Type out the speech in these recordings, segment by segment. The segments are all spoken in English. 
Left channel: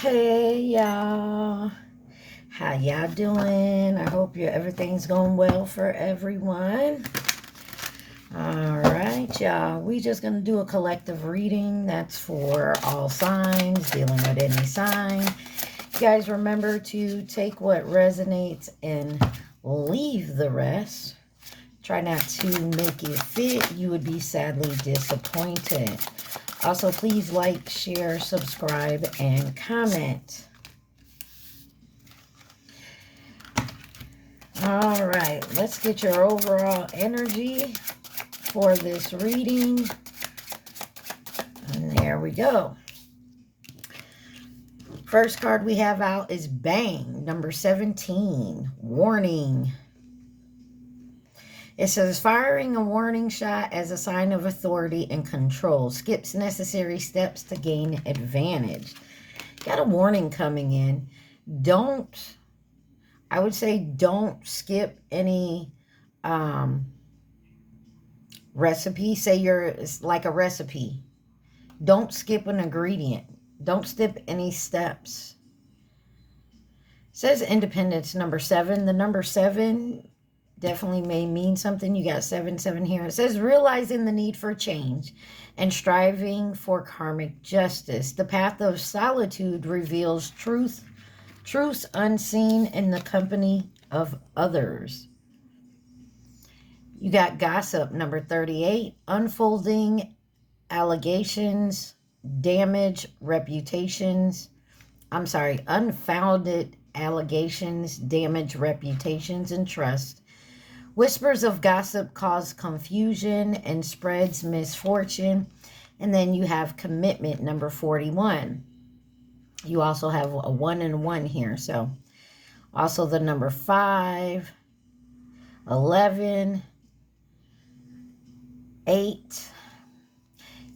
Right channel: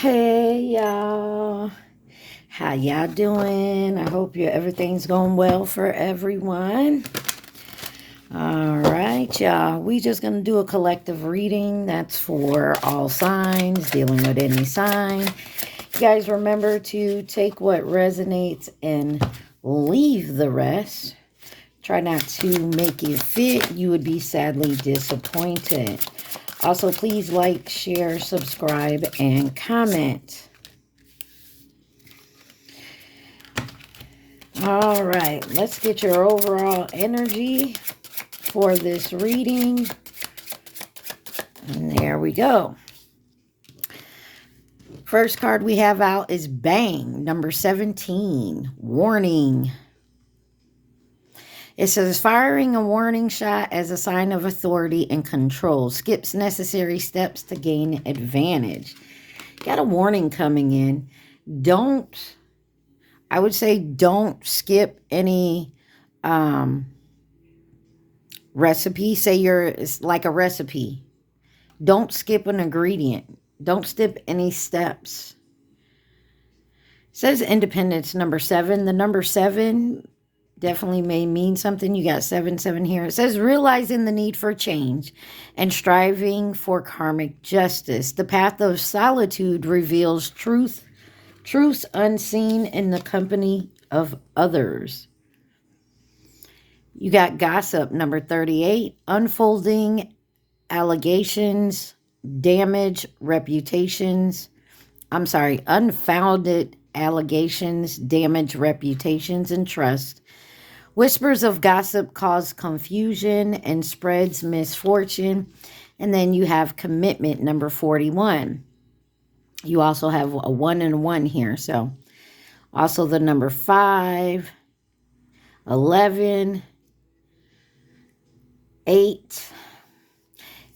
Hey y'all, how y'all doing? I hope everything's going well for everyone. All right, y'all. We just gonna do a collective reading. That's for all signs, dealing with any sign. You guys remember to take what resonates and leave the rest. Try not to make it fit. You would be sadly disappointed. Also, please like, share, subscribe, and comment. All right, let's get your overall energy for this reading. And there we go. First card we have out is Bang, number 17, Warning. It says, firing a warning shot as a sign of authority and control. Skips necessary steps to gain advantage. Got a warning coming in. I would say don't skip any recipe. Say it's like a recipe. Don't skip an ingredient. Don't skip any steps. It says independence, number 7. The number 7 definitely may mean something. You got 7 here. It says realizing the need for change and striving for karmic justice. The path of solitude reveals truths unseen in the company of others. You got gossip, number 38. Unfolding allegations, unfounded allegations, damage reputations and trust. Whispers of gossip cause confusion and spreads misfortune. And then you have commitment, number 41. You also have a 1 and 1 here. So also the number 5, 11, 8.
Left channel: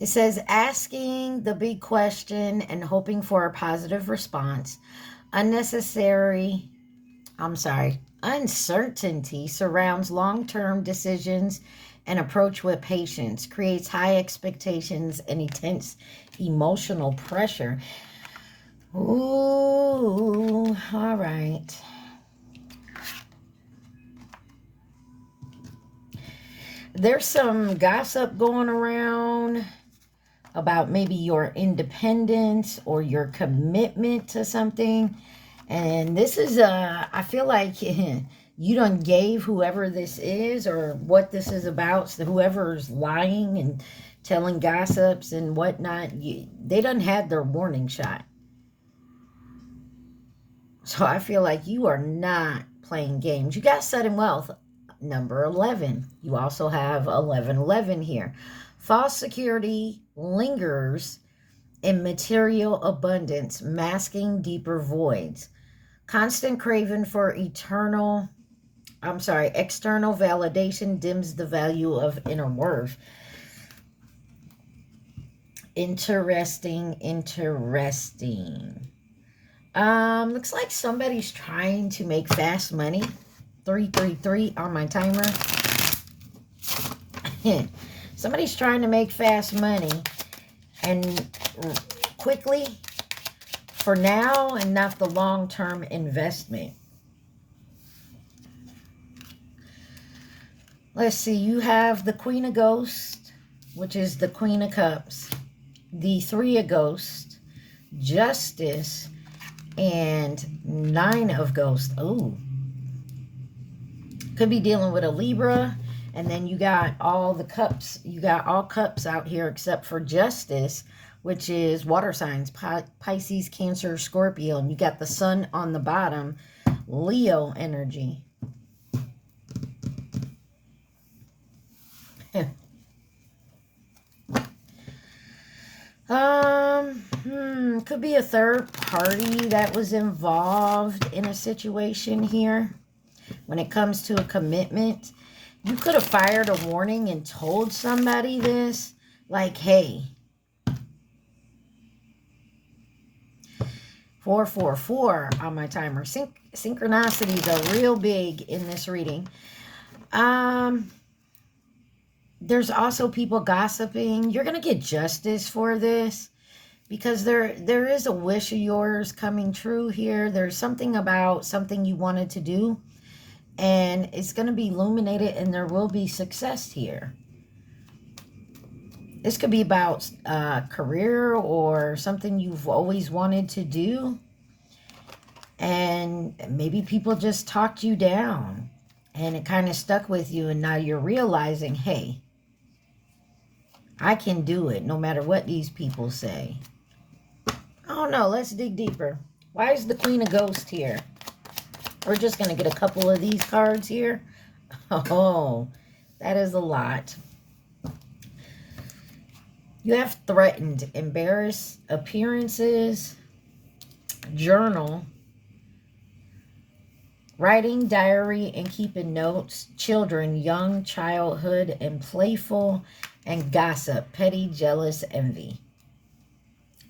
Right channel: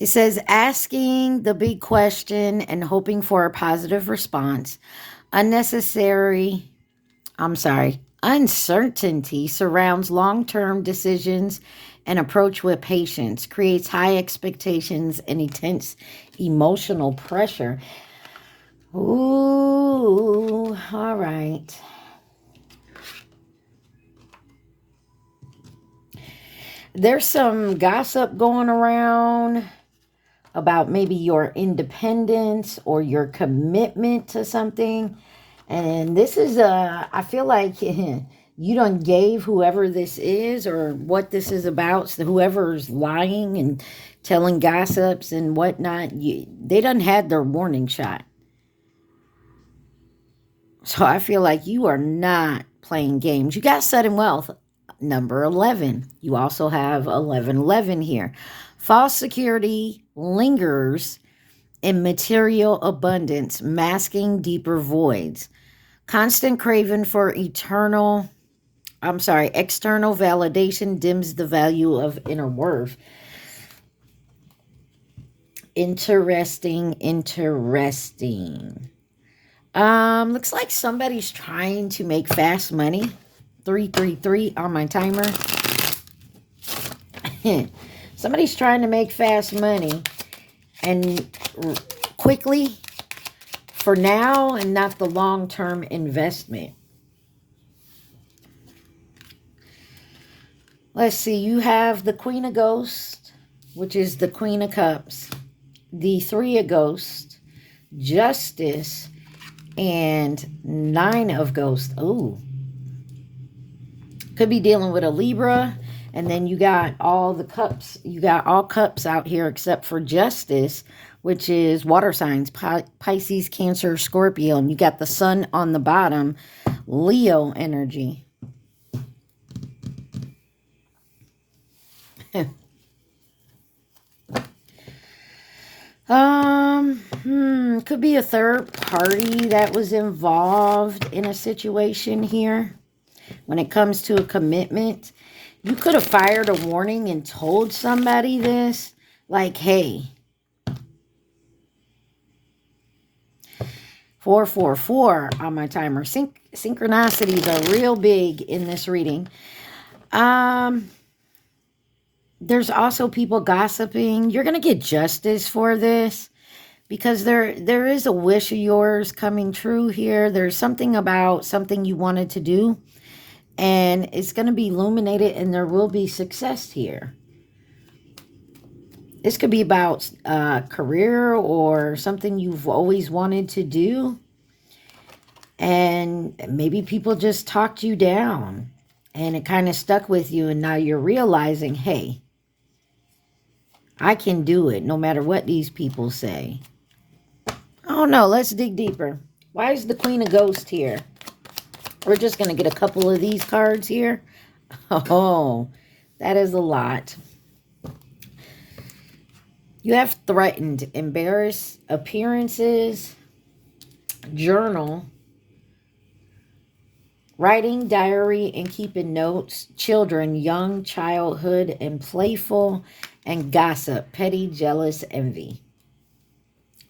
It says asking the big question and hoping for a positive response. Uncertainty surrounds long-term decisions and approach with patience, creates high expectations and intense emotional pressure. Ooh, all right. There's some gossip going around about maybe your independence or your commitment to something. And this is I feel like you done gave whoever this is or what this is about, so whoever's lying and telling gossips and whatnot, they done had their warning shot. So I feel like you are not playing games. You got sudden wealth, number 11. You also have 1111 here. False security lingers in material abundance, masking deeper voids. Constant craving for external validation dims the value of inner worth. Interesting. Looks like somebody's trying to make fast money. 333 on my timer. Somebody's trying to make fast money and quickly for now and not the long-term investment. Let's see. You have the Queen of Ghosts, which is the Queen of Cups, the 3 of Ghosts, Justice, and 9 of Ghosts. Ooh. Could be dealing with a Libra. And then you got all the cups. You got all cups out here except for Justice, which is water signs, Pisces, Cancer, Scorpio. And you got the sun on the bottom, Leo energy. Could be a third party that was involved in a situation here. When it comes to a commitment, you could have fired a warning and told somebody this, like, hey, 444 on my timer. Synchronicity, the real big in this reading. There's also people gossiping. You're going to get justice for this. because there is a wish of yours coming true here. There's something about something you wanted to do, and it's going to be illuminated, and there will be success here. This could be about career or something you've always wanted to do. And maybe people just talked you down and it kind of stuck with you. And now you're realizing, hey, I can do it no matter what these people say. Oh no, let's dig deeper. Why is the Queen of Ghosts here? We're just going to get a couple of these cards here. Oh, that is a lot. You have threatened, embarrassed appearances, journal, writing, diary, and keeping notes, children, young, childhood, and playful, and gossip, petty, jealous, envy.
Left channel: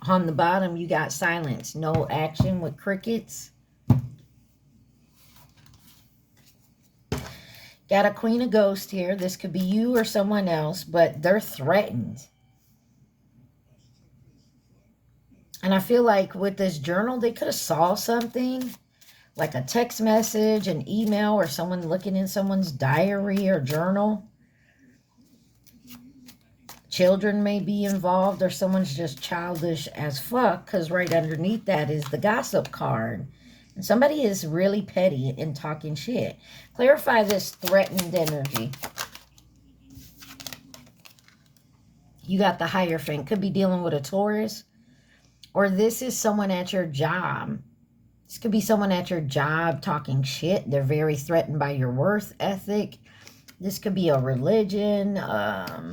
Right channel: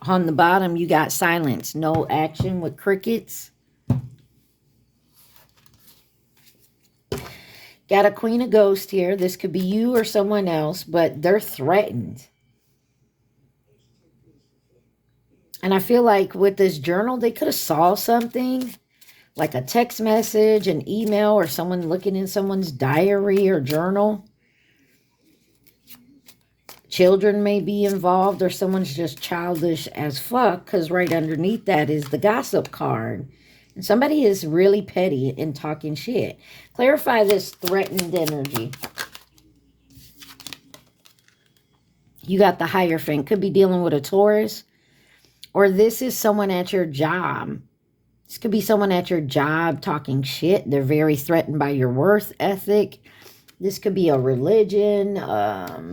On the bottom, you got silence, no action with crickets. Got a Queen of Ghosts here. This could be you or someone else, but they're threatened. And I feel like with this journal, they could have saw something, like a text message, an email, or someone looking in someone's diary or journal. Children may be involved, or someone's just childish as fuck, because right underneath that is the gossip card. And somebody is really petty and talking shit. Clarify this threatened energy. You got the Hierophant. Could be dealing with a Taurus. Or this is someone at your job. This could be someone at your job talking shit. They're very threatened by your worth ethic. This could be a religion, a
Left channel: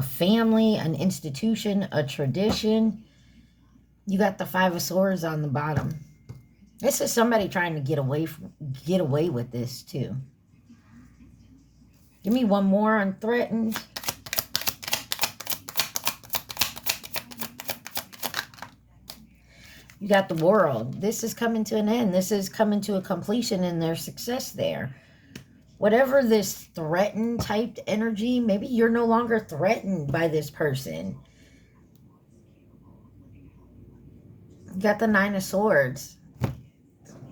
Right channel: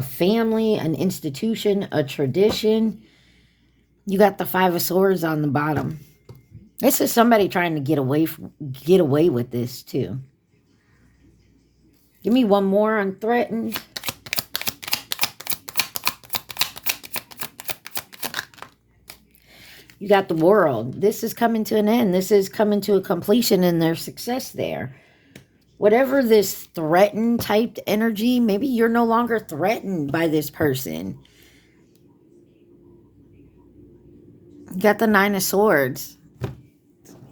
family, an institution, a tradition. You got the Five of Swords on the bottom. This is somebody trying to get away with this too. Give me one more on threatened. You got the World. This is coming to an end. This is coming to a completion and there's success there. Whatever this threatened typed energy, maybe you're no longer threatened by this person. You got the Nine of Swords.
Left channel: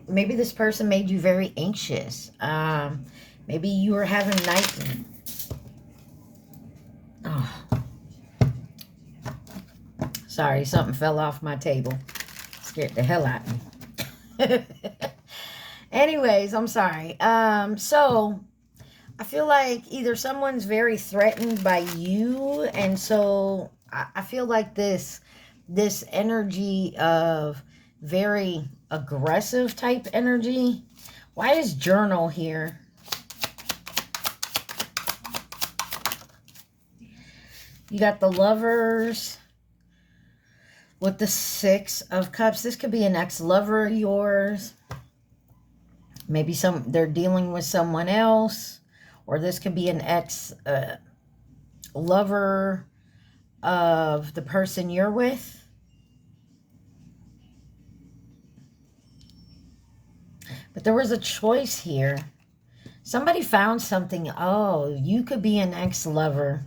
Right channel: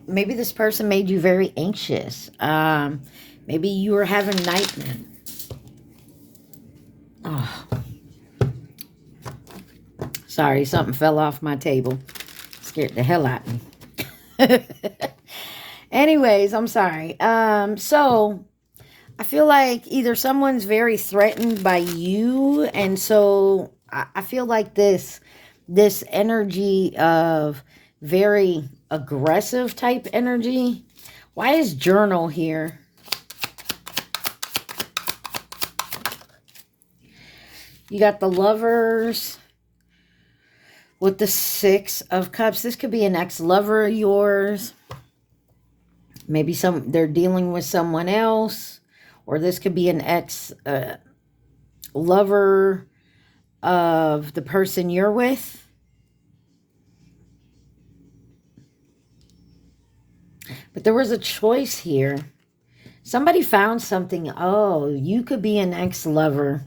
Maybe this person made you very anxious. Maybe you were having nightmares. Oh. Sorry, something fell off my table. Scared the hell out of me. Anyways, I'm sorry. So I feel like either someone's very threatened by you, and so I feel like this energy of very aggressive type energy. Why is journal here? You got the Lovers with the Six of Cups. This could be an ex-lover of yours. Maybe they're dealing with someone else. Or this could be an ex-lover of the person you're with. But there was a choice here. Somebody found something. Oh, you could be an ex-lover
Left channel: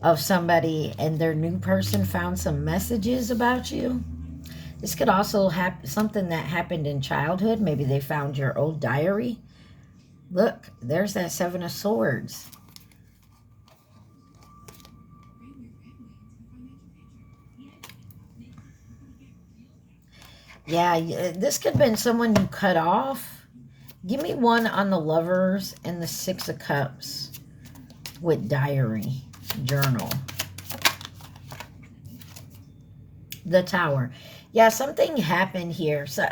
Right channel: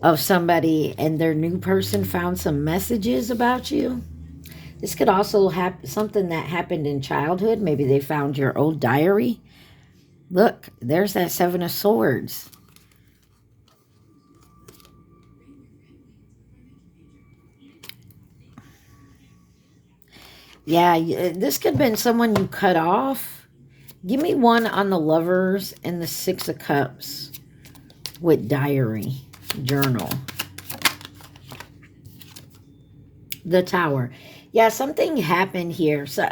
of somebody and their new person found some messages about you. This could also happen, something that happened in childhood. Maybe they found your old diary. Look, there's that Seven of Swords. Yeah, this could have been someone you cut off. Give me one on the Lovers and the Six of Cups with diary. Journal. The Tower. Yeah, something happened here. So,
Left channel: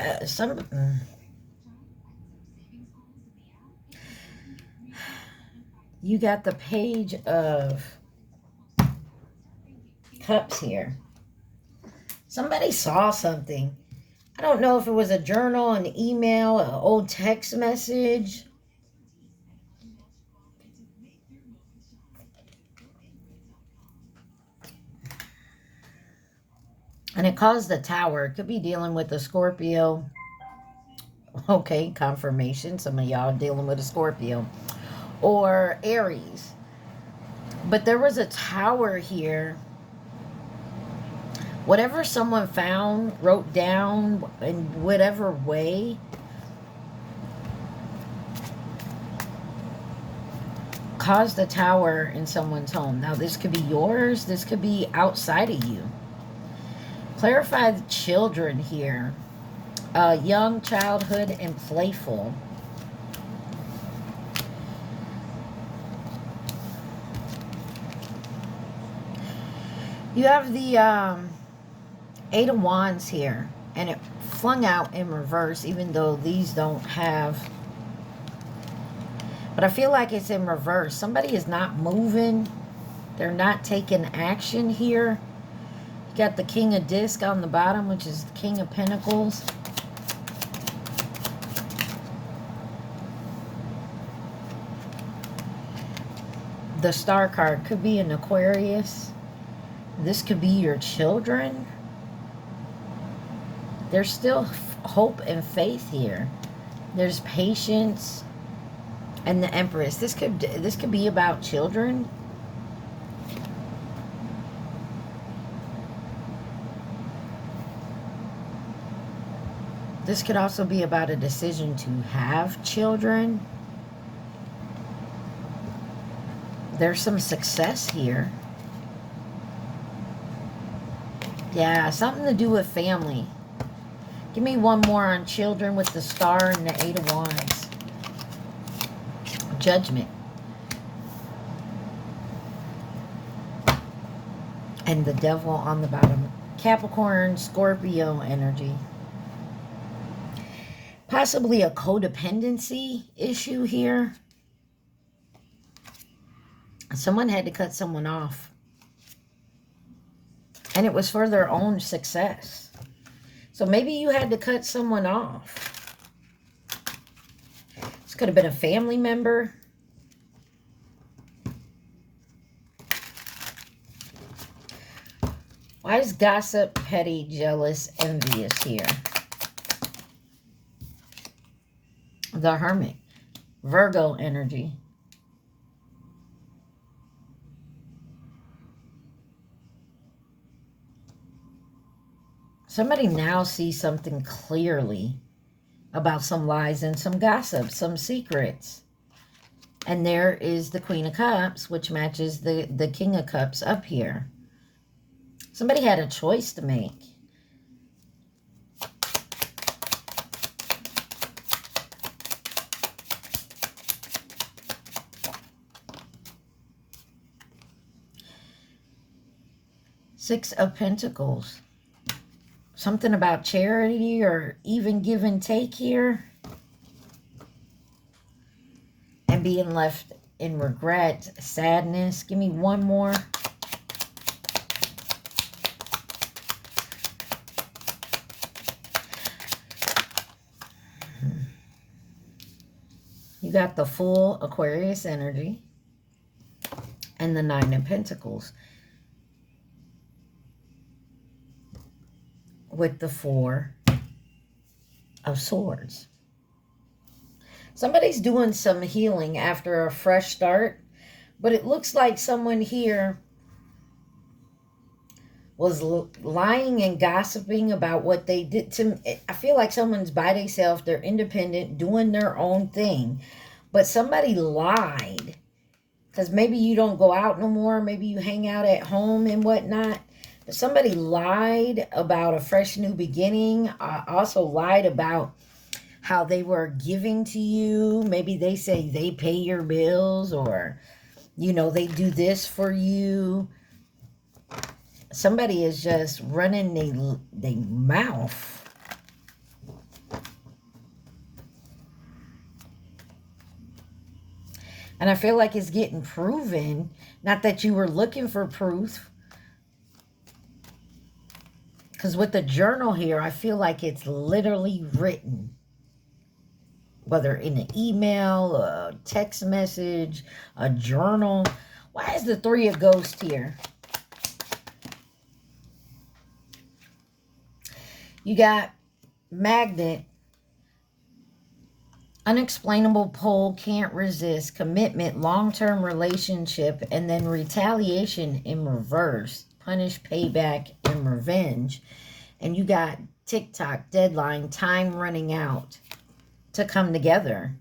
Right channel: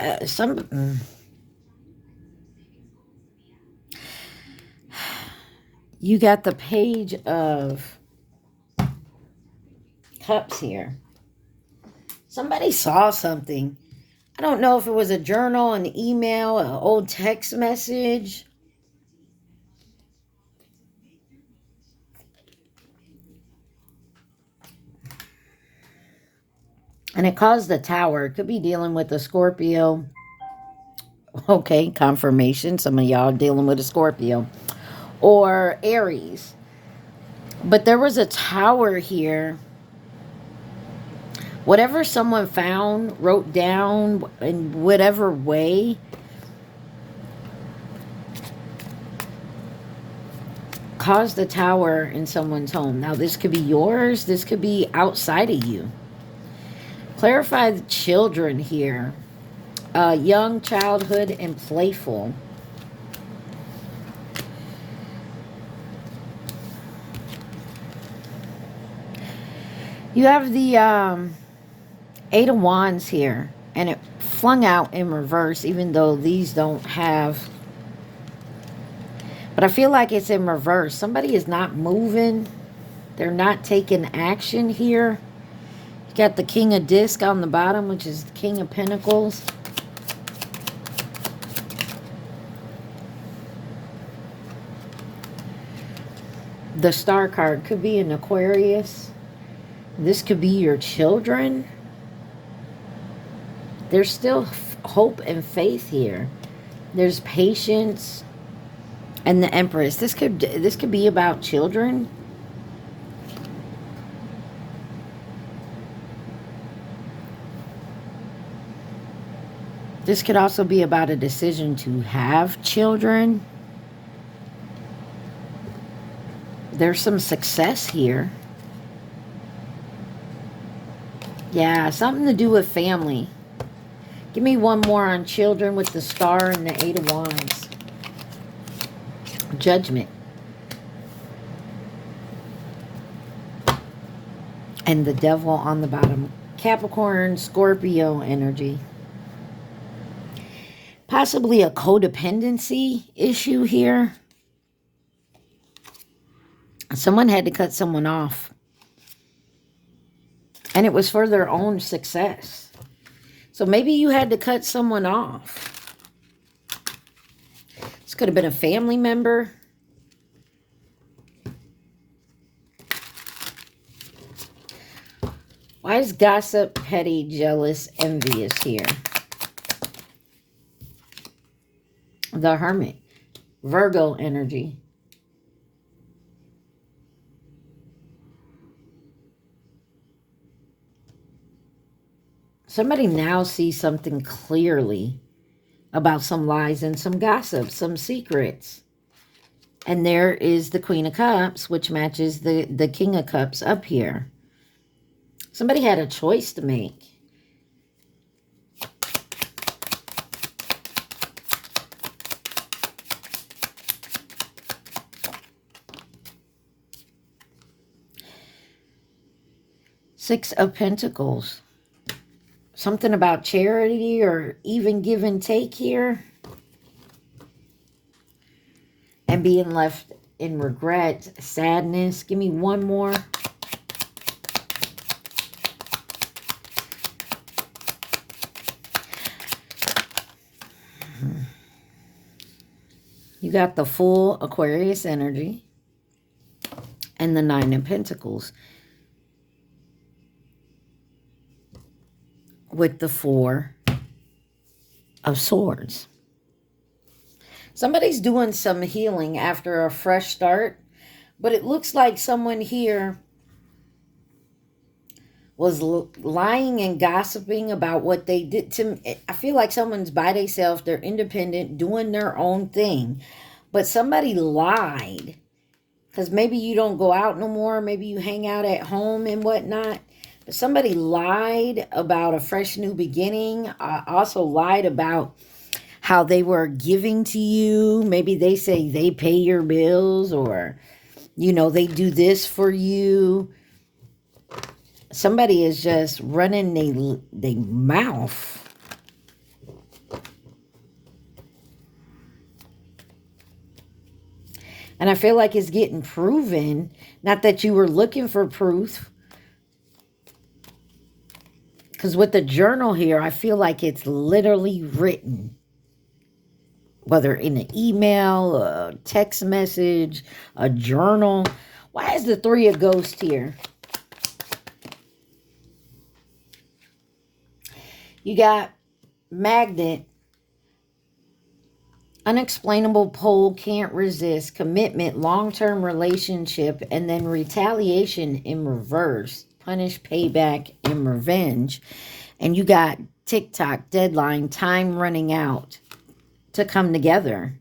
you got the Page of Cups here. Somebody saw something. I don't know if it was a journal, an email, an old text message. And it caused the Tower. It could be dealing with a Scorpio. Okay, confirmation. Some of y'all are dealing with a Scorpio. Or Aries. But there was a Tower here Whatever someone found, wrote down in whatever way, caused a tower in someone's home. Now, this could be yours. This could be outside of you. Clarify the children here. Young, childhood, and playful. You have the Eight of Wands here, and it flung out in reverse, even though these don't have. But I feel like it's in reverse. Somebody is not moving. They're not taking action here. You got the King of Disc on the bottom, which is the King of Pentacles. The Star card could be an Aquarius. This could be your children. There's still hope and faith here. There's patience. And the Empress. This could be about children. This could also be about a decision to have children. There's some success here. Yeah, something to do with family. Give me one more on children with the Star and the Eight of Wands. Judgment. And the Devil on the bottom. Capricorn, Scorpio energy. Possibly a codependency issue here. Someone had to cut someone off. And it was for their own success. So maybe you had to cut someone off. This could have been a family member. Why is gossip, petty, jealous, envious here? The Hermit. Virgo energy. Somebody now sees something clearly about some lies and some gossip, some secrets. And there is the Queen of Cups, which matches the King of Cups up here. Somebody had a choice to make. Six of Pentacles. Something about charity or even give and take here. And being left in regret, sadness. Give me one more. You got the full Aquarius energy. And the Nine of Pentacles. With the Four of Swords. Somebody's doing some healing after a fresh start, but it looks like someone here was lying and gossiping about what they did to me. I feel like someone's by themselves, they're independent, doing their own thing, but somebody lied, because maybe you don't go out no more, maybe you hang out at home and whatnot. Somebody lied about a fresh new beginning. Also lied about how they were giving to you. Maybe they say they pay your bills, or, you know, they do this for you. Somebody is just running their mouth. And I feel like it's getting proven. Not that you were looking for proof. Because with the journal here, I feel like it's literally written. Whether in an email, a text message, a journal. Why is the Three of Ghosts here? You got Magnet. Unexplainable pull, can't resist. Commitment, long-term relationship. And then retaliation in reverse. punish, payback, and revenge. And you got TikTok, deadline, time running out to come together.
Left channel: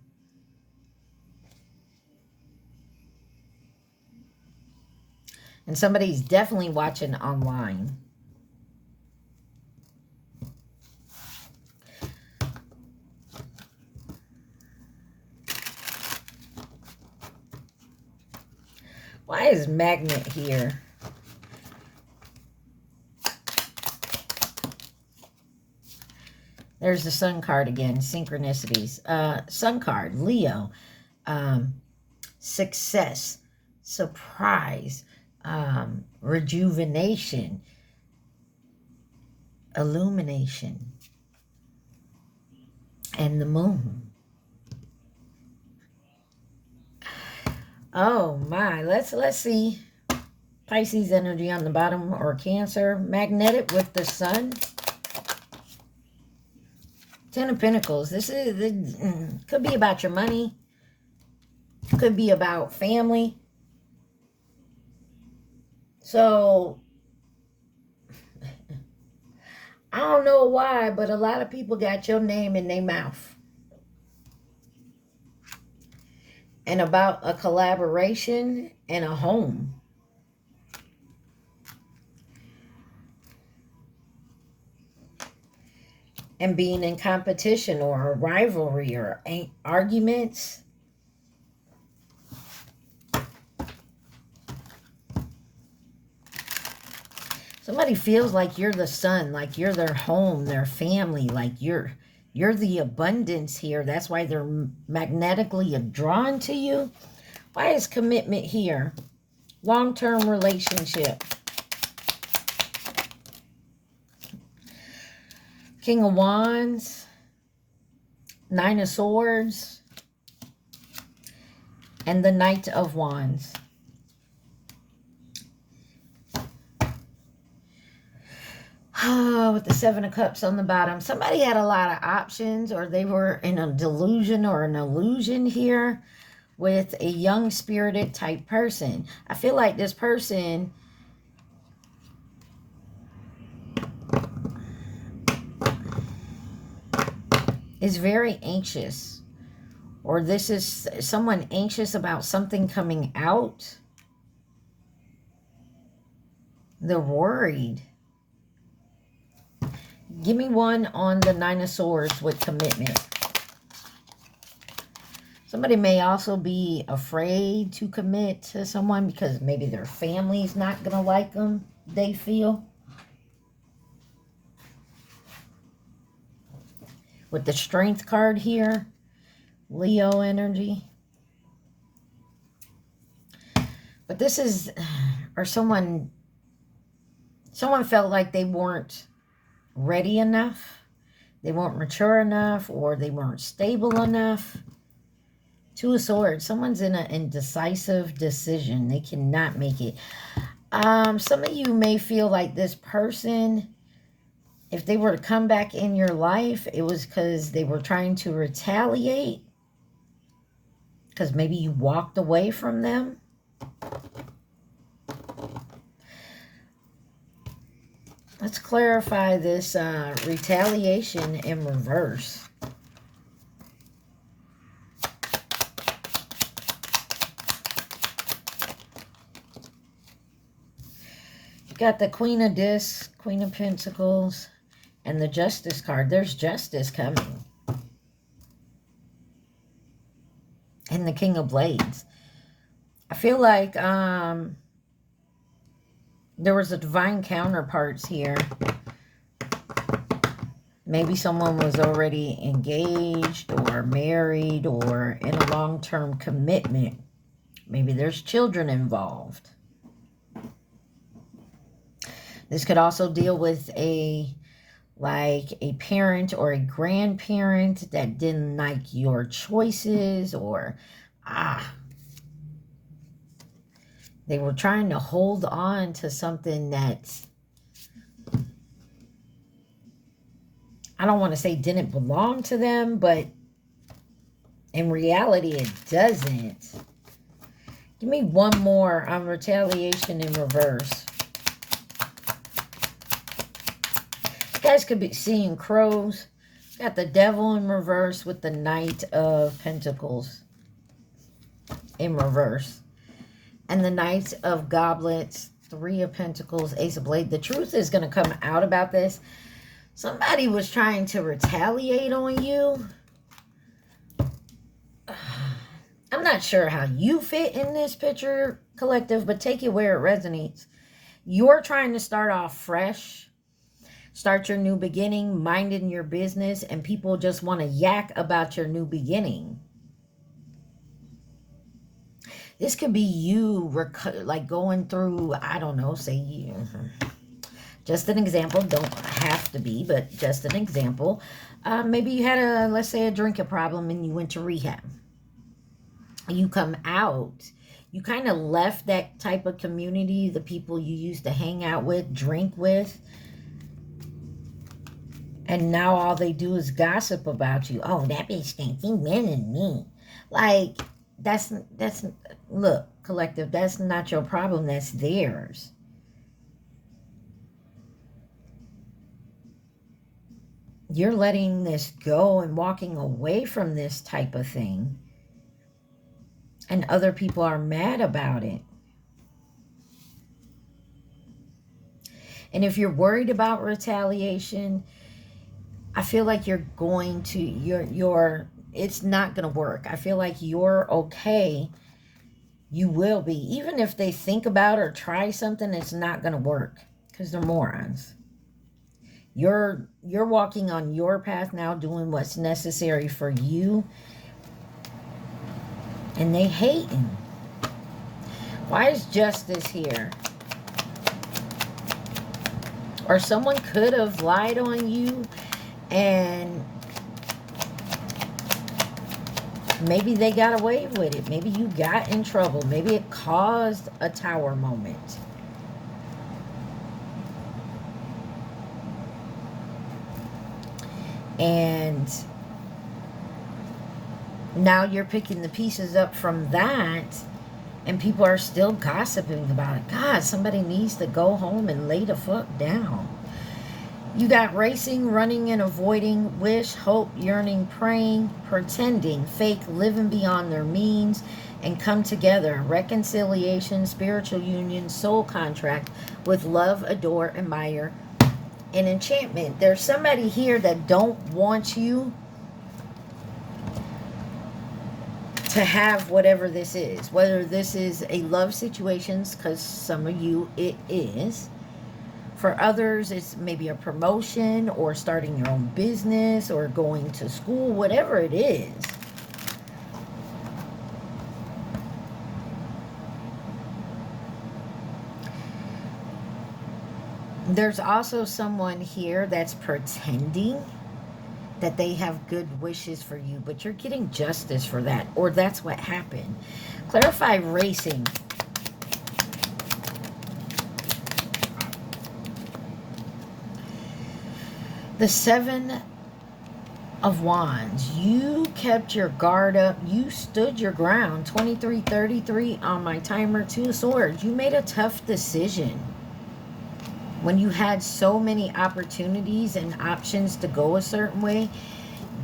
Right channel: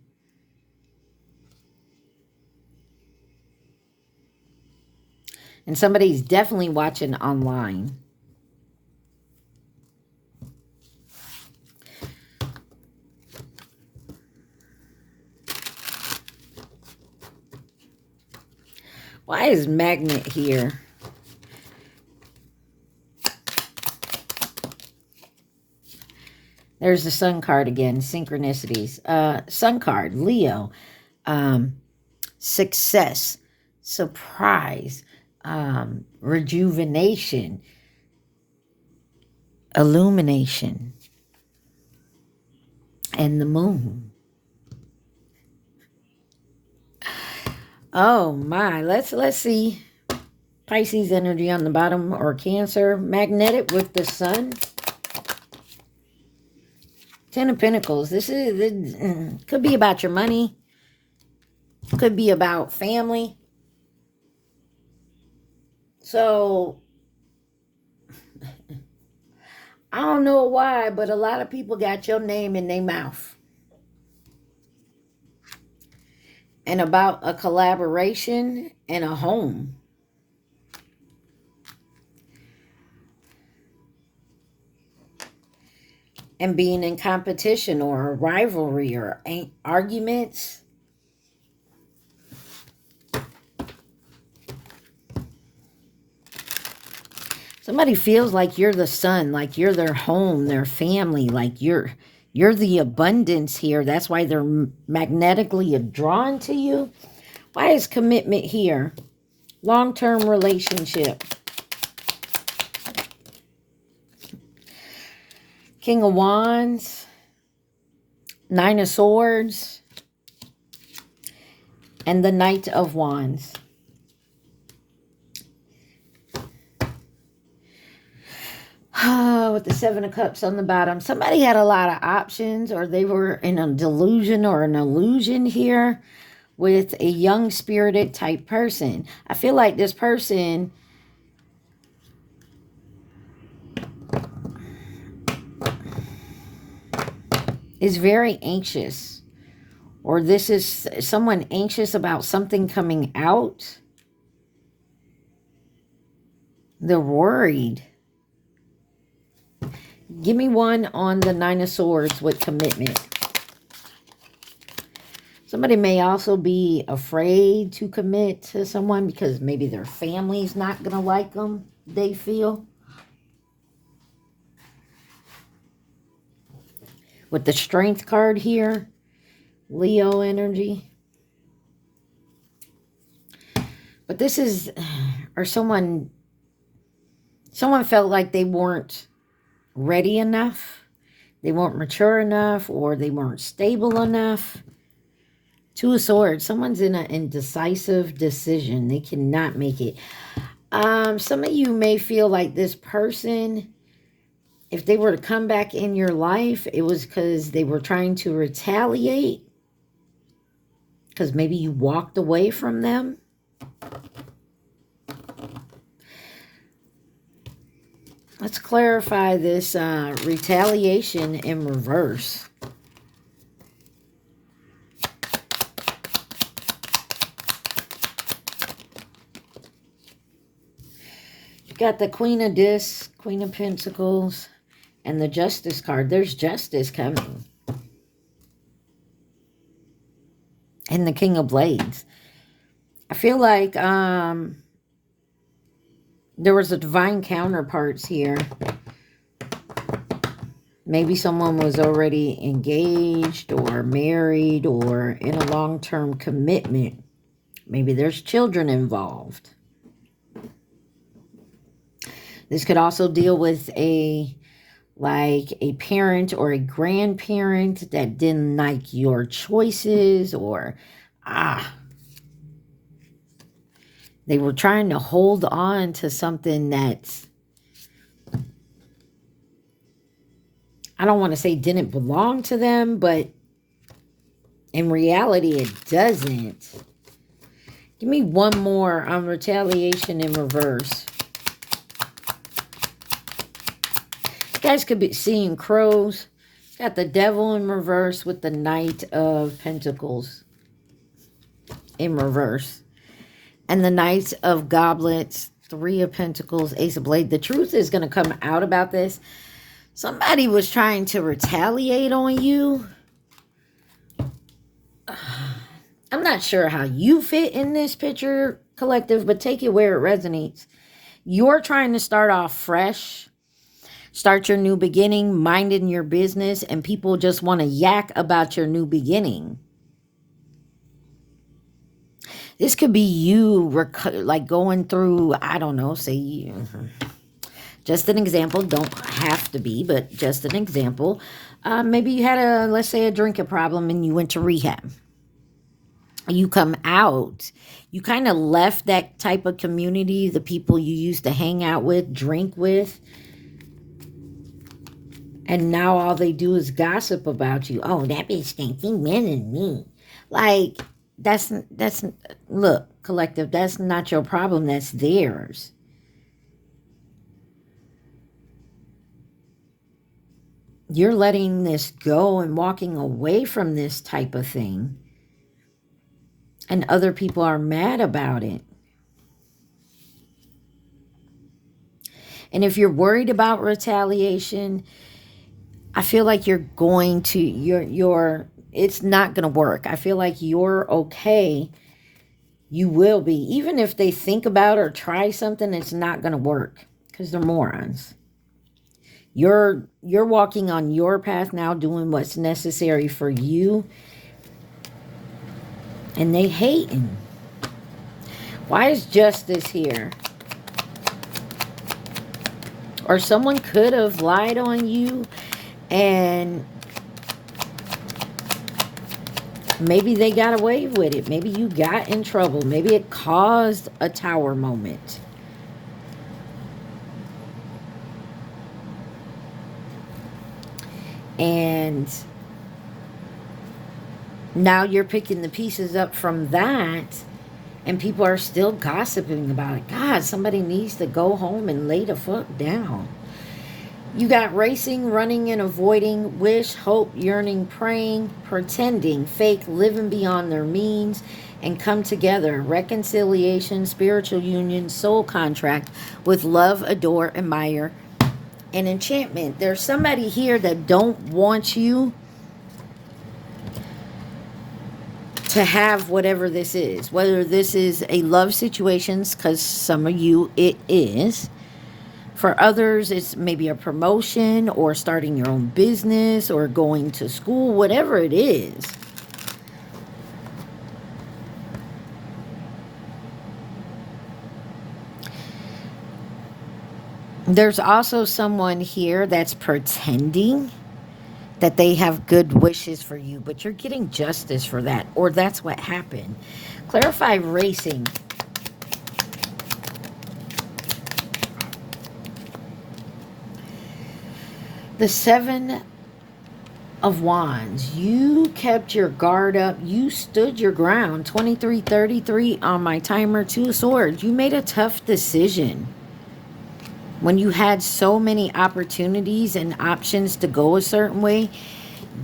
And somebody's definitely watching online. Why is magnet here? There's the sun card again, synchronicities. Sun card, Leo. Success, surprise, rejuvenation, illumination, and the moon. Oh my, let's see. Pisces energy on the bottom, or Cancer. Magnetic with the sun. Ten of Pentacles. This could be about your money. Could be about family. So, I don't know why, but a lot of people got your name in their mouth. And about a collaboration and a home. And being in competition or a rivalry or arguments. Somebody feels like you're the sun, like you're their home, their family, like you're the abundance here. That's why they're magnetically drawn to you. Why is commitment here? Long-term relationship. King of Wands. Nine of Swords. And the Knight of Wands. Oh, with the Seven of Cups on the bottom. Somebody had a lot of options, or they were in a delusion or an illusion here with a young spirited type person. I feel like this person is very anxious, or this is someone anxious about something coming out. They're worried. Give me one on the Nine of Swords with commitment. Somebody may also be afraid to commit to someone because maybe their family's not going to like them, they feel. With the Strength card here, Leo energy. But this is, or someone felt like they weren't ready enough, they weren't mature enough, or they weren't stable enough. Two of Swords. Someone's in an indecisive decision. They cannot make it. Some of you may feel like this person, if they were to come back in your life, it was because they were trying to retaliate, because maybe you walked away from them. Let's clarify this retaliation in reverse. You got the Queen of Discs, Queen of Pentacles, and the Justice card. There's justice coming. And the King of Blades. I feel like there was a divine counterparts here. Maybe someone was already engaged or married or in a long-term commitment. Maybe there's children involved. This could also deal with a parent or a grandparent that didn't like your choices, or they were trying to hold on to something that's, I don't want to say didn't belong to them, but in reality it doesn't. Give me one more on retaliation in reverse. guys could be seeing crows. Got the devil in reverse with the Knight of Pentacles in reverse. And the Knight of Goblets, Three of Pentacles, Ace of Blades. The truth is going to come out about this. Somebody was trying to retaliate on you. I'm not sure how you fit in this picture, collective, but take it where it resonates. You're trying to start off fresh. Start your new beginning, minding your business, and people just want to yak about your new beginning. This could be you, like going through, I don't know, say, just an example, don't have to be, but just an example. Maybe you had let's say a drinking problem and you went to rehab. You come out, you kind of left that type of community, the people you used to hang out with, drink with. And now all they do is gossip about you. Oh, that bitch thinks he better than me. Like, that's, look, collective, that's not your problem. That's theirs. You're letting this go and walking away from this type of thing. And other people are mad about it. And if you're worried about retaliation, I feel like you're going to, it's not going to work. I feel like you're okay. You will be. Even if they think about or try something, it's not going to work because they're morons. You're walking on your path now, doing what's necessary for you. And they hating. Why is justice here? Or someone could have lied on you. And maybe they got away with it. Maybe you got in trouble. Maybe it caused a tower moment. And now you're picking the pieces up from that. And people are still gossiping about it. God, somebody needs to go home and lay the fuck down. You got racing, running, and avoiding, wish, hope, yearning, praying, pretending, fake, living beyond their means, and come together. Reconciliation, spiritual union, soul contract with love, adore, admire, and enchantment. There's somebody here that don't want you to have whatever this is. Whether this is a love situation, because some of you it is. For others, it's maybe a promotion or starting your own business or going to school, whatever it is. There's also someone here that's pretending that they have good wishes for you, but you're getting justice for that, or that's what happened. Clarify racing. The Seven of Wands. You kept your guard up. You stood your ground. 23:33 on my timer. Two of Swords. You made a tough decision. When you had so many opportunities and options to go a certain way,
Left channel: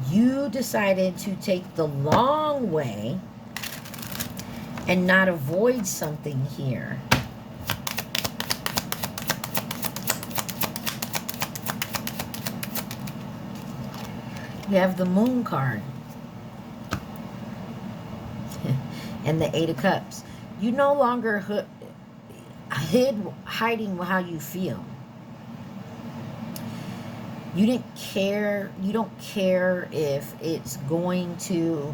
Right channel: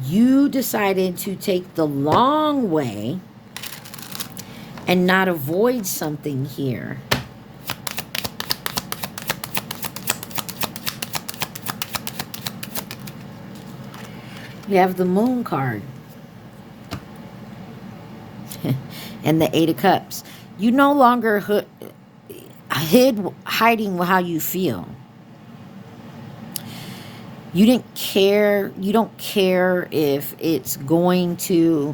you decided to take the long way and not avoid something here. We have the Moon card. And the Eight of Cups. You no longer hiding how you feel. You didn't care. You don't care if it's going to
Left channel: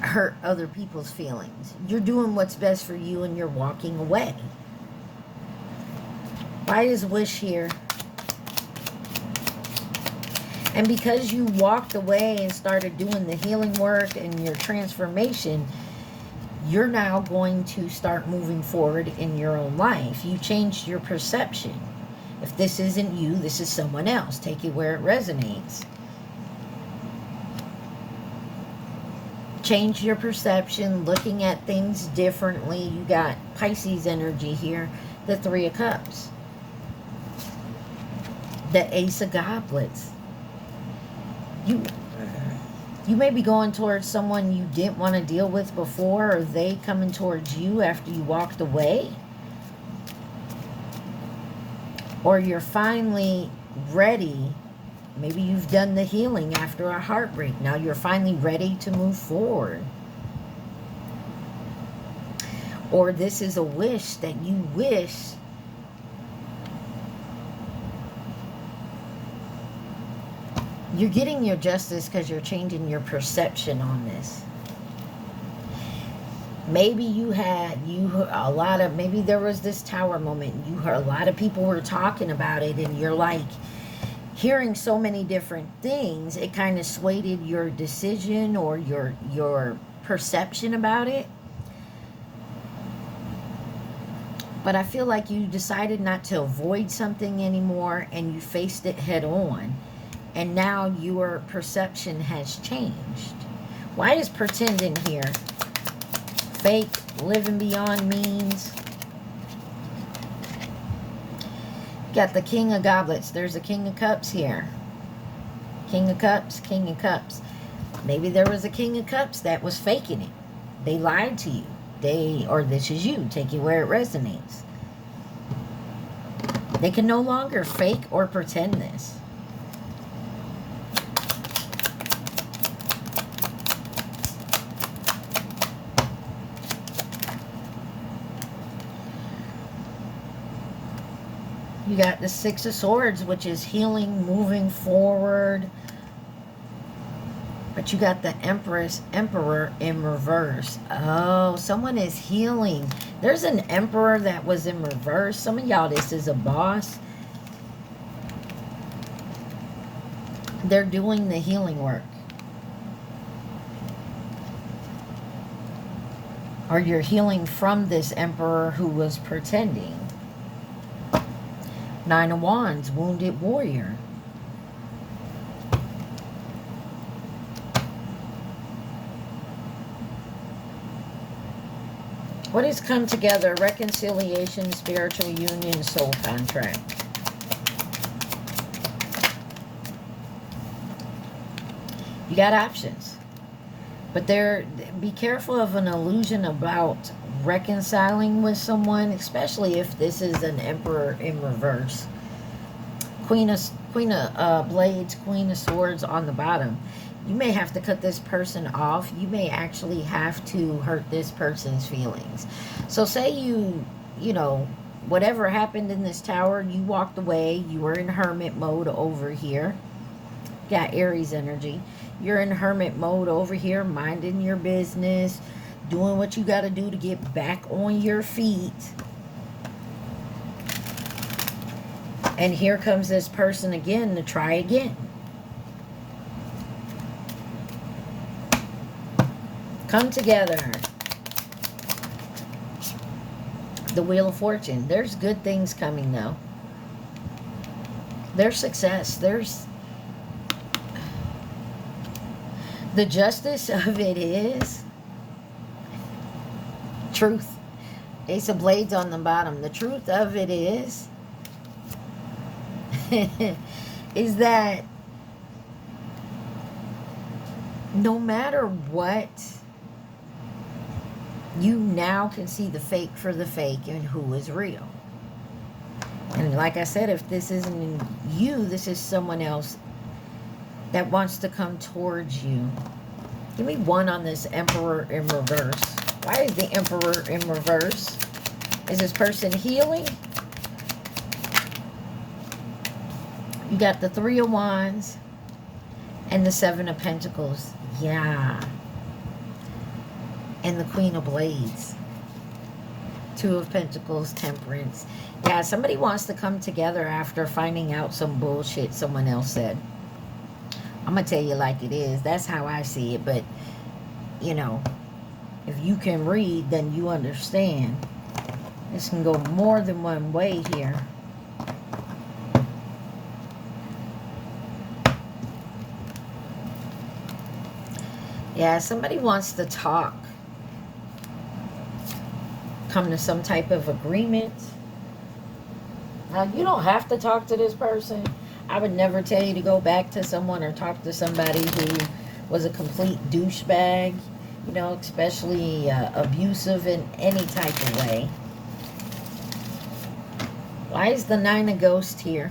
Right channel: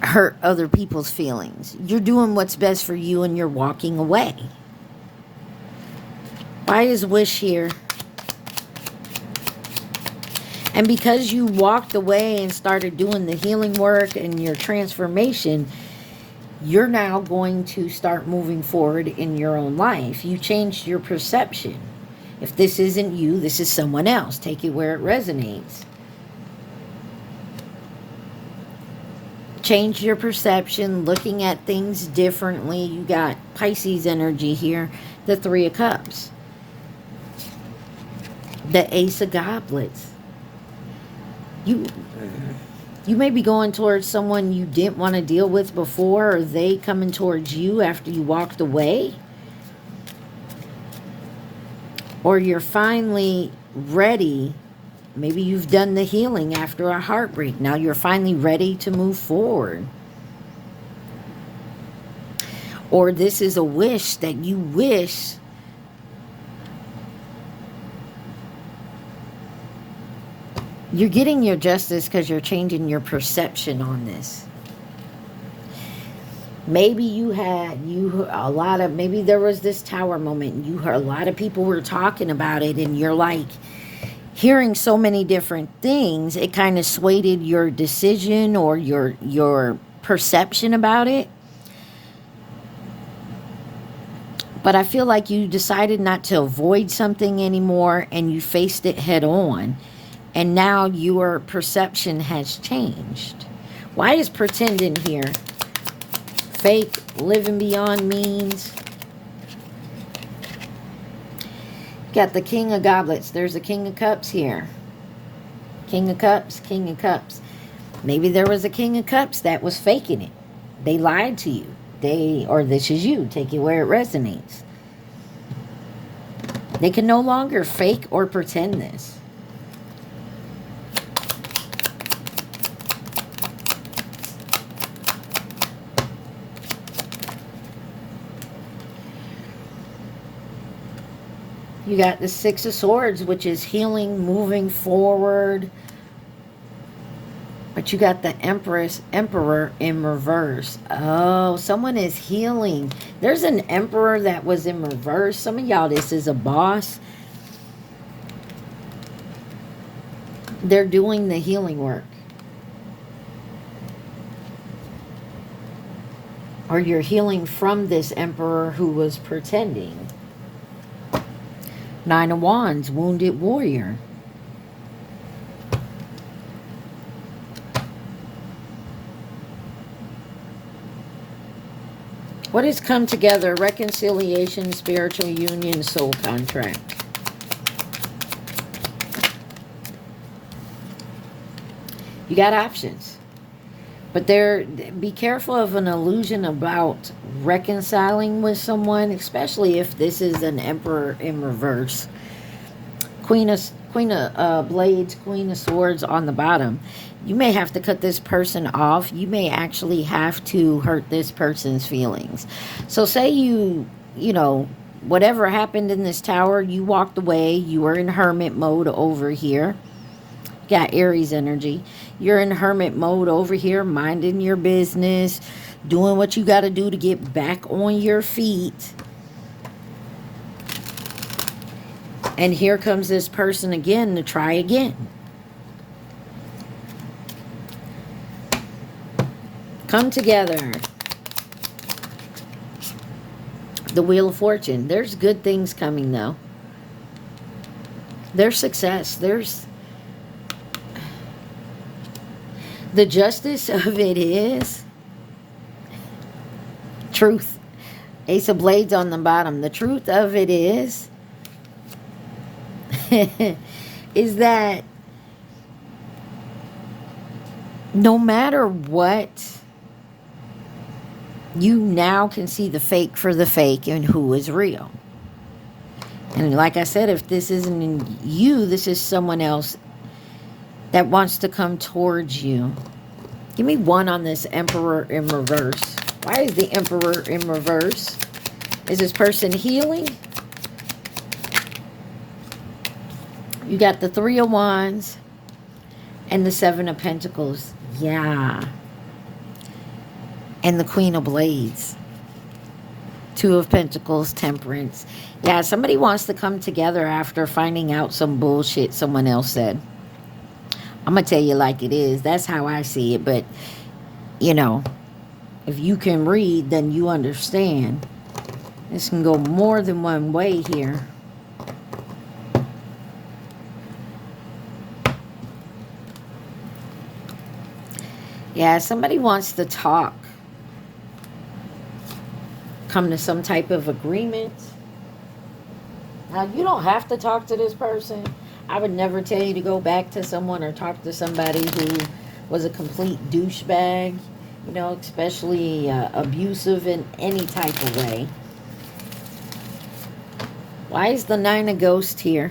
hurt other people's feelings. You're doing what's best for you and you're walking away. Why is wish here? And because you walked away and started doing the healing work and your transformation, you're now going to start moving forward in your own life. You changed your perception. If this isn't you, this is someone else. Take it where it resonates. Change your perception, looking at things differently. You got Pisces energy here, the Three of Cups. The Ace of Goblets. You may be going towards someone you didn't want to deal with before, or they coming towards you after you walked away. Or you're finally ready. Maybe you've done the healing after a heartbreak. Now you're finally ready to move forward. Or this is a wish that you wish you're getting your justice because you're changing your perception on this. Maybe maybe there was this tower moment. You heard a lot of people were talking about it, and you're like hearing so many different things. It kind of swayed your decision or your perception about it. But I feel like you decided not to avoid something anymore, and you faced it head on. And now your perception has changed. Why is pretending here? Fake, living beyond means. Got the King of Goblets. There's the King of Cups here. King of Cups, King of Cups. Maybe there was a King of Cups that was faking it. They lied to you. Or this is you. Take it where it resonates. They can no longer fake or pretend this. You got the Six of Swords, which is healing, moving forward. But you got the Emperor in reverse. Oh, someone is healing. There's an Emperor that was in reverse. Some of y'all, this is a boss. They're doing the healing work. Or you're healing from this Emperor who was pretending. Nine of Wands, wounded warrior. What has come together? Reconciliation, spiritual union, soul contract. You got options. But be careful of an illusion about reconciling with someone, especially if this is an Emperor in reverse. Queen of Blades, Queen of Swords on the bottom. You may have to cut this person off. You may actually have to hurt this person's feelings. So say you know, whatever happened in this tower, you walked away. You were in hermit mode over here. Got Aries energy. You're in hermit mode over here, minding your business, doing what you got to do to get back on your feet. And here comes this person again to try again. Come together. The Wheel of Fortune. There's good things coming, though. There's success. There's... The justice of it is truth. Ace of Blades on the bottom. The truth of it is is that no matter what, you now can see the fake for the fake and who is real. And like I said, if this isn't you, this is someone else that wants to come towards you. Give me one on this Emperor in reverse. Why is the Emperor in reverse? Is this person healing? You got the Three of Wands and the Seven of Pentacles. Yeah. And the Queen of Blades. Two of Pentacles, Temperance. Yeah, somebody wants to come together after finding out some bullshit someone else said. I'm going to tell you like it is. That's how I see it. But, you know, if you can read, then you understand. This can go more than one way here. Yeah, somebody wants to talk. Come to some type of agreement. Now, you don't have to talk to this person. I would never tell you to go back to someone or talk to somebody who was a complete douchebag, you know, especially abusive in any type of way. Why is the Nine of Ghosts here?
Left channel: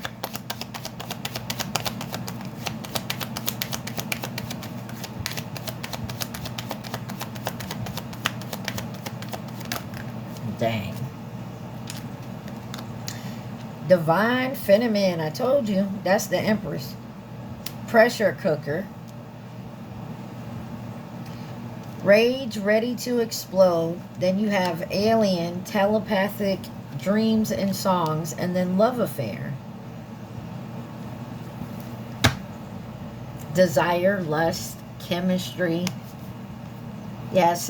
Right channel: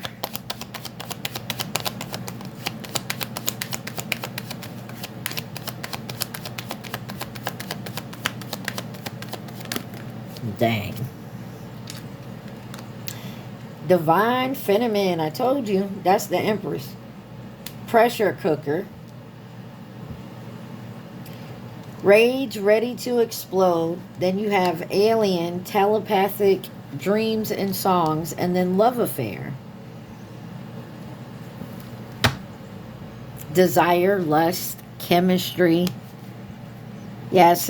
Dang. Divine Feminine. I told you. That's the Empress. Pressure cooker. Rage ready to explode. Then you have alien, telepathic dreams and songs. And then love affair. Desire, lust, chemistry. Yes.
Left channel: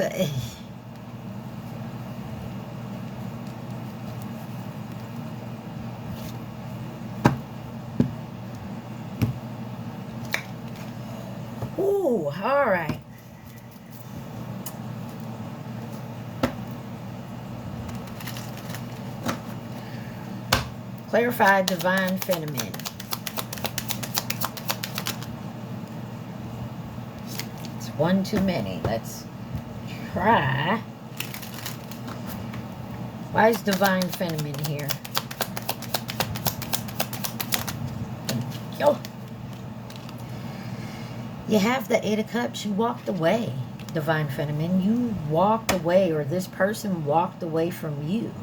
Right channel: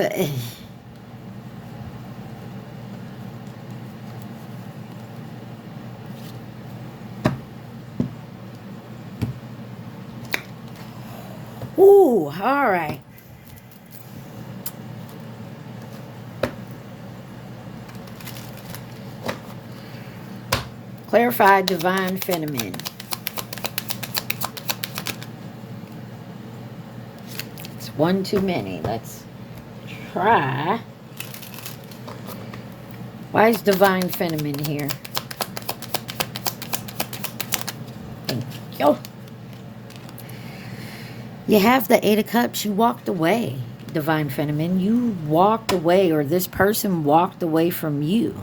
Ooh, all right. Clarify Divine Feminine. It's one too many. Let's try. Why is Divine Feminine here? Thank you. You have the Eight of Cups. You walked away, Divine Feminine. You walked away, or this person walked away from you.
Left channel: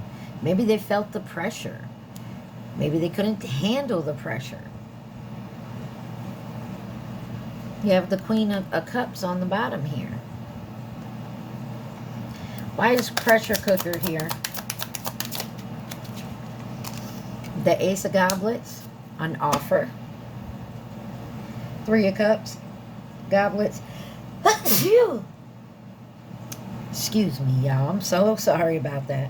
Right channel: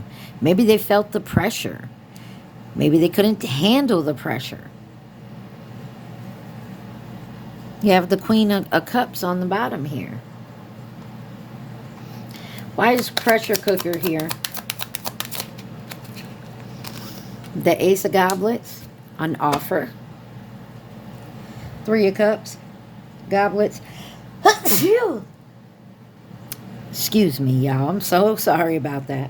Maybe they felt the pressure. Maybe they couldn't handle the pressure. You have the Queen of Cups on the bottom here. Why is pressure cooker here? The Ace of Goblets on offer. Three of Cups. Goblets. Excuse me, y'all. I'm so sorry about that.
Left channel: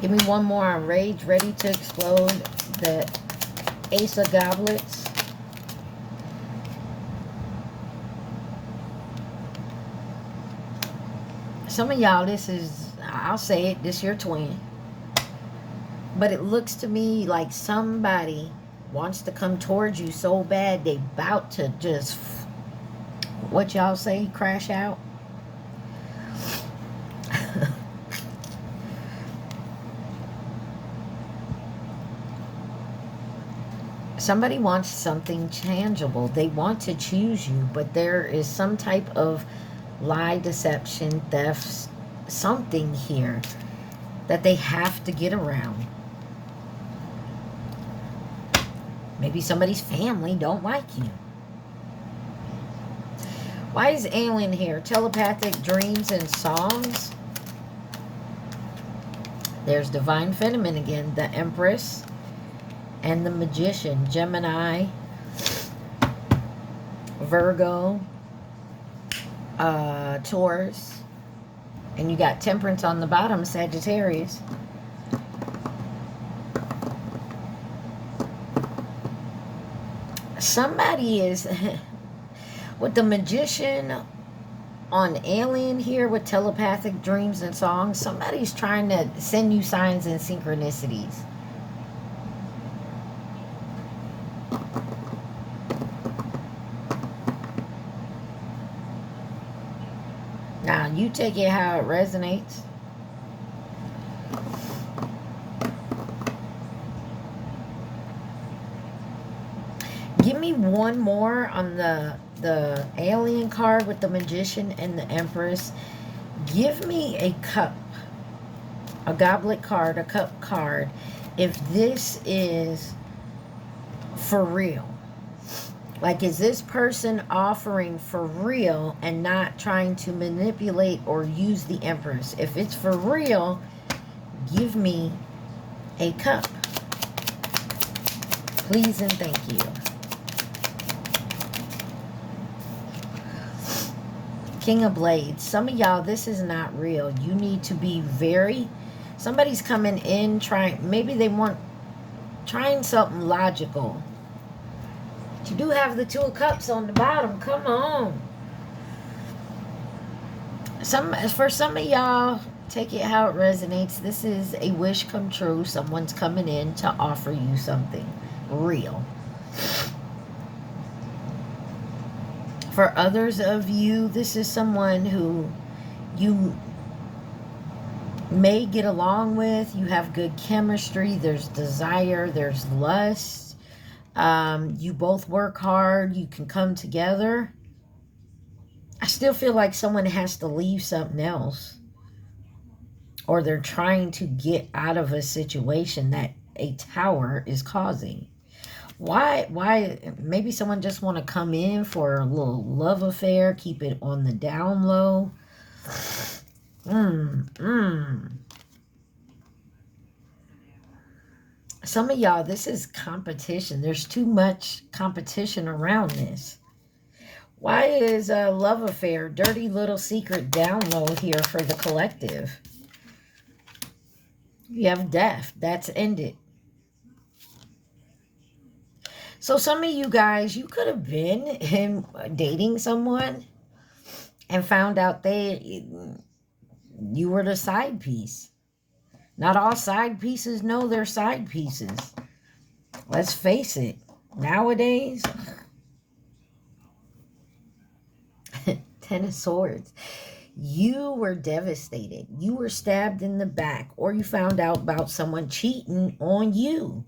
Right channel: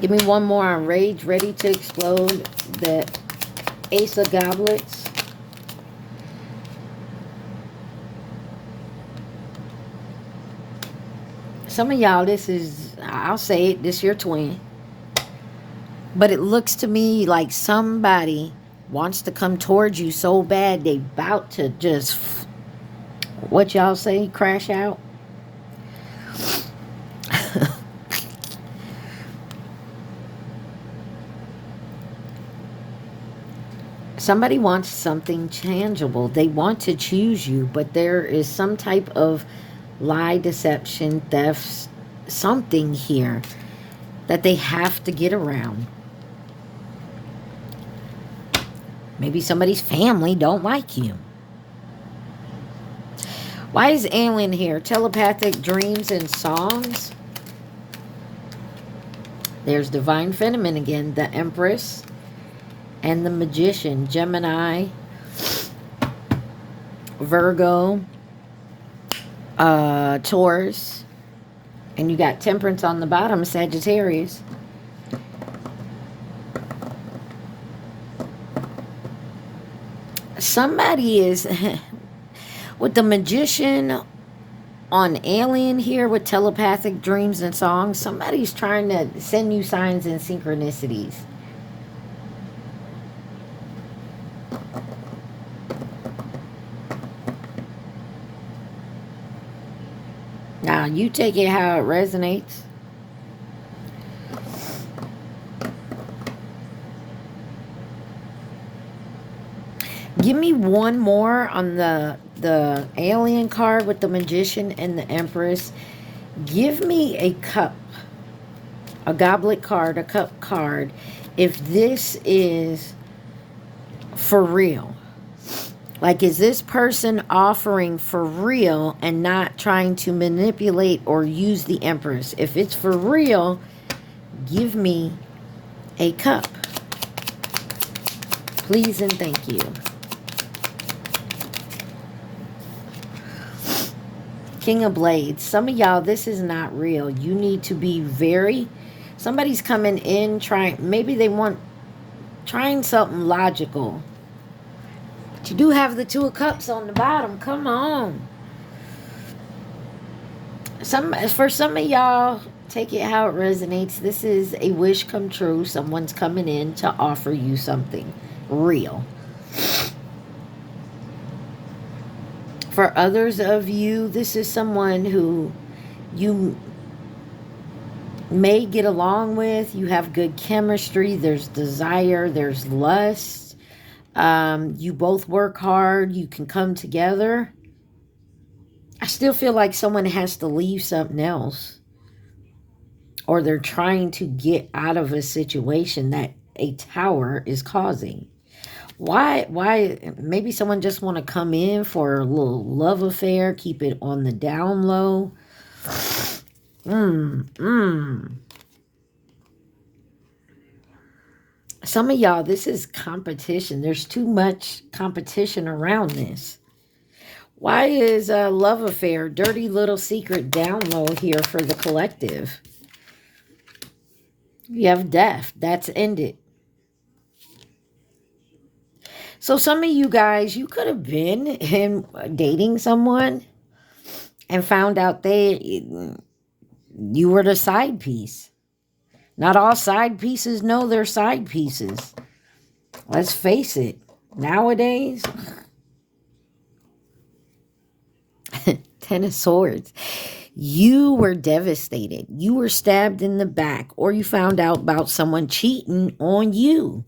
Give me one more on Rage Ready to Explode. The Ace of Goblets. Some of y'all, this is, I'll say it, this your twin. But it looks to me like somebody wants to come towards you so bad they about to just, what y'all say, crash out. Somebody wants something tangible. They want to choose you, but there is some type of lie, deception, theft, something here that they have to get around. Maybe somebody's family don't like you. Why is alien here? Telepathic dreams and songs. There's Divine Feminine again. The Empress and the Magician. Gemini. Virgo. Taurus. And you got Temperance on the bottom. Sagittarius. Somebody is with the Magician on alien here with telepathic dreams and songs. Somebody's trying to send you signs and synchronicities. Now you take it how it resonates. Give me one more on the alien card with the Magician and the Empress. Give me a cup. A goblet card, a cup card. If this is for real. Like, is this person offering for real and not trying to manipulate or use the Empress? If it's for real, give me a cup. Please and thank you. King of Blades. Some of y'all, this is not real. You need to be very... Somebody's coming in trying... Maybe they want... Trying something logical. But you do have the Two of Cups on the bottom. Come on. For some of y'all, Take it how it resonates. This is a wish come true. Someone's coming in to offer you something real. For others of you, this is someone who you may get along with. You have good chemistry. There's desire. There's lust. You both work hard. You can come together. I still feel like someone has to leave something else. Or they're trying to get out of a situation that a tower is causing. Why? Maybe someone just want to come in for a little love affair, keep it on the down low. Some of y'all, this is competition. There's too much competition around this. Why is a love affair, dirty little secret down low here for the collective? You have death. That's ended. So some of you guys, you could have been dating someone and found out you were the side piece. Not all side pieces know they're side pieces. Let's face it. Nowadays, 10 of Swords. You were devastated. You were stabbed in the back, or you found out about someone cheating on you.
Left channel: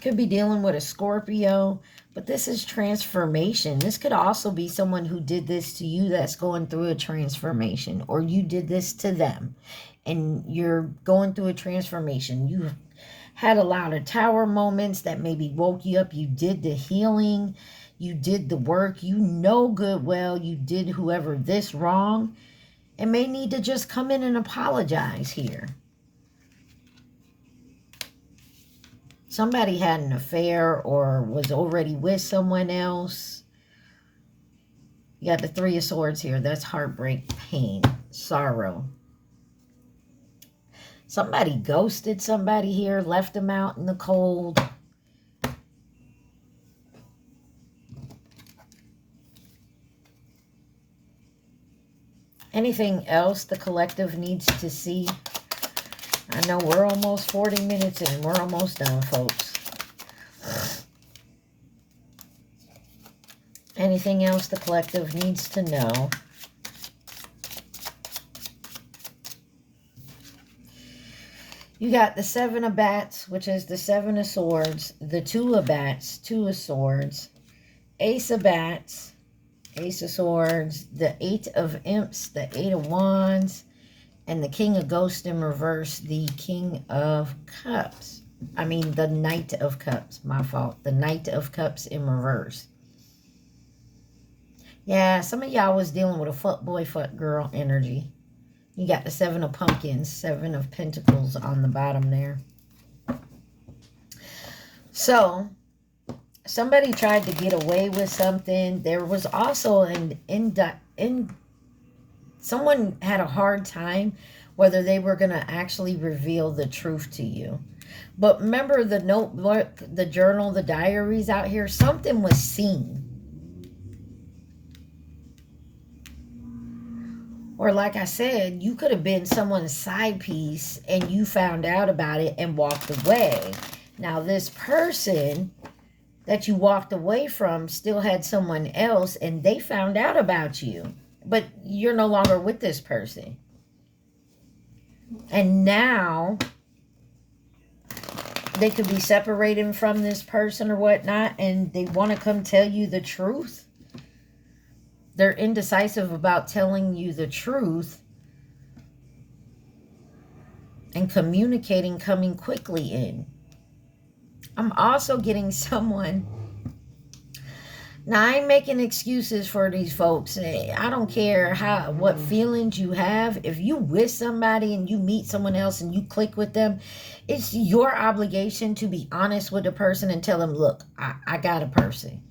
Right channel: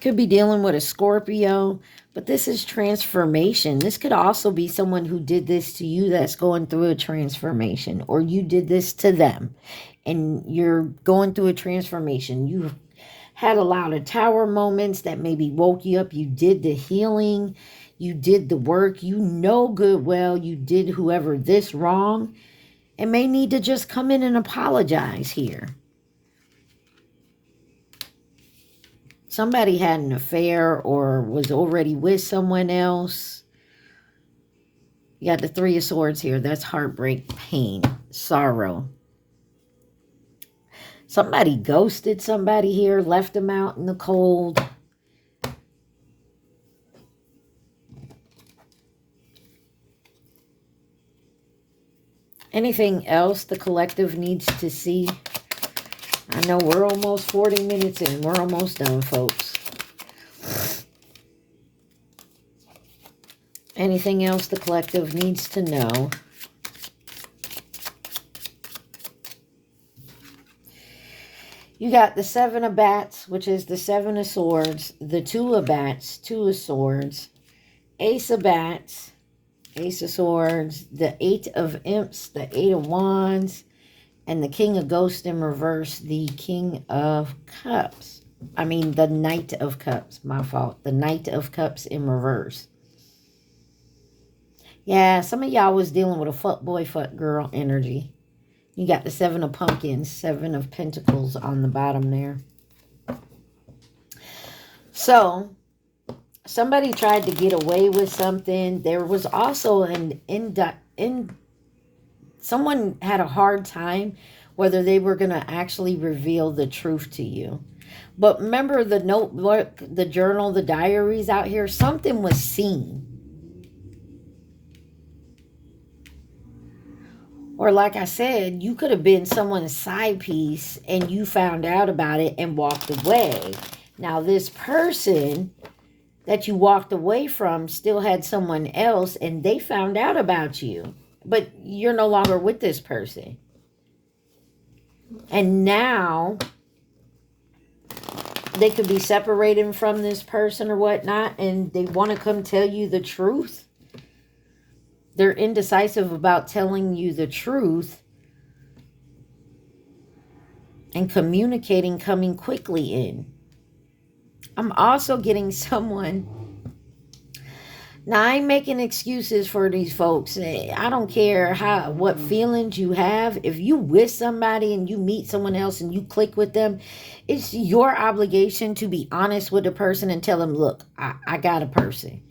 Could be dealing with a Scorpio, but this is transformation. This could also be someone who did this to you that's going through a transformation, or you did this to them and you're going through a transformation. You had a lot of tower moments that maybe woke you up. You did the healing. You did the work. You know good well you did whoever this wrong and may need to just come in and apologize here. Somebody had an affair or was already with someone else. You got the 3 of Swords here. That's heartbreak, pain, sorrow. Somebody ghosted somebody here, left them out in the cold. Anything else the collective needs to see? I know we're almost 40 minutes in. We're almost done, folks. Anything else the collective needs to know? You got the 7 of Bats, which is the 7 of Swords, the 2 of Bats, 2 of Swords, Ace of Bats, Ace of Swords, the 8 of Imps, the 8 of Wands, and the King of Ghosts in reverse, the King of Cups. I mean, the Knight of Cups. My fault. The Knight of Cups in reverse. Yeah, some of y'all was dealing with a fuck boy, fuck girl energy. You got the 7 of Pumpkins, 7 of Pentacles on the bottom there. So, somebody tried to get away with something. There was also someone had a hard time whether they were going to actually reveal the truth to you. But remember the notebook, the journal, the diaries out here, something was seen. Or like I said, you could have been someone's side piece and you found out about it and walked away. Now this person that you walked away from still had someone else and they found out about you. But you're no longer with this person. And now they could be separated from this person or whatnot and they want to come tell you the truth. They're indecisive about telling you the truth and communicating, coming quickly in. I'm also getting someone. Now, I ain't making excuses for these folks. I don't care what feelings you have. If you with somebody and you meet someone else and you click with them, it's your obligation to be honest with the person and tell them, look, I got a person.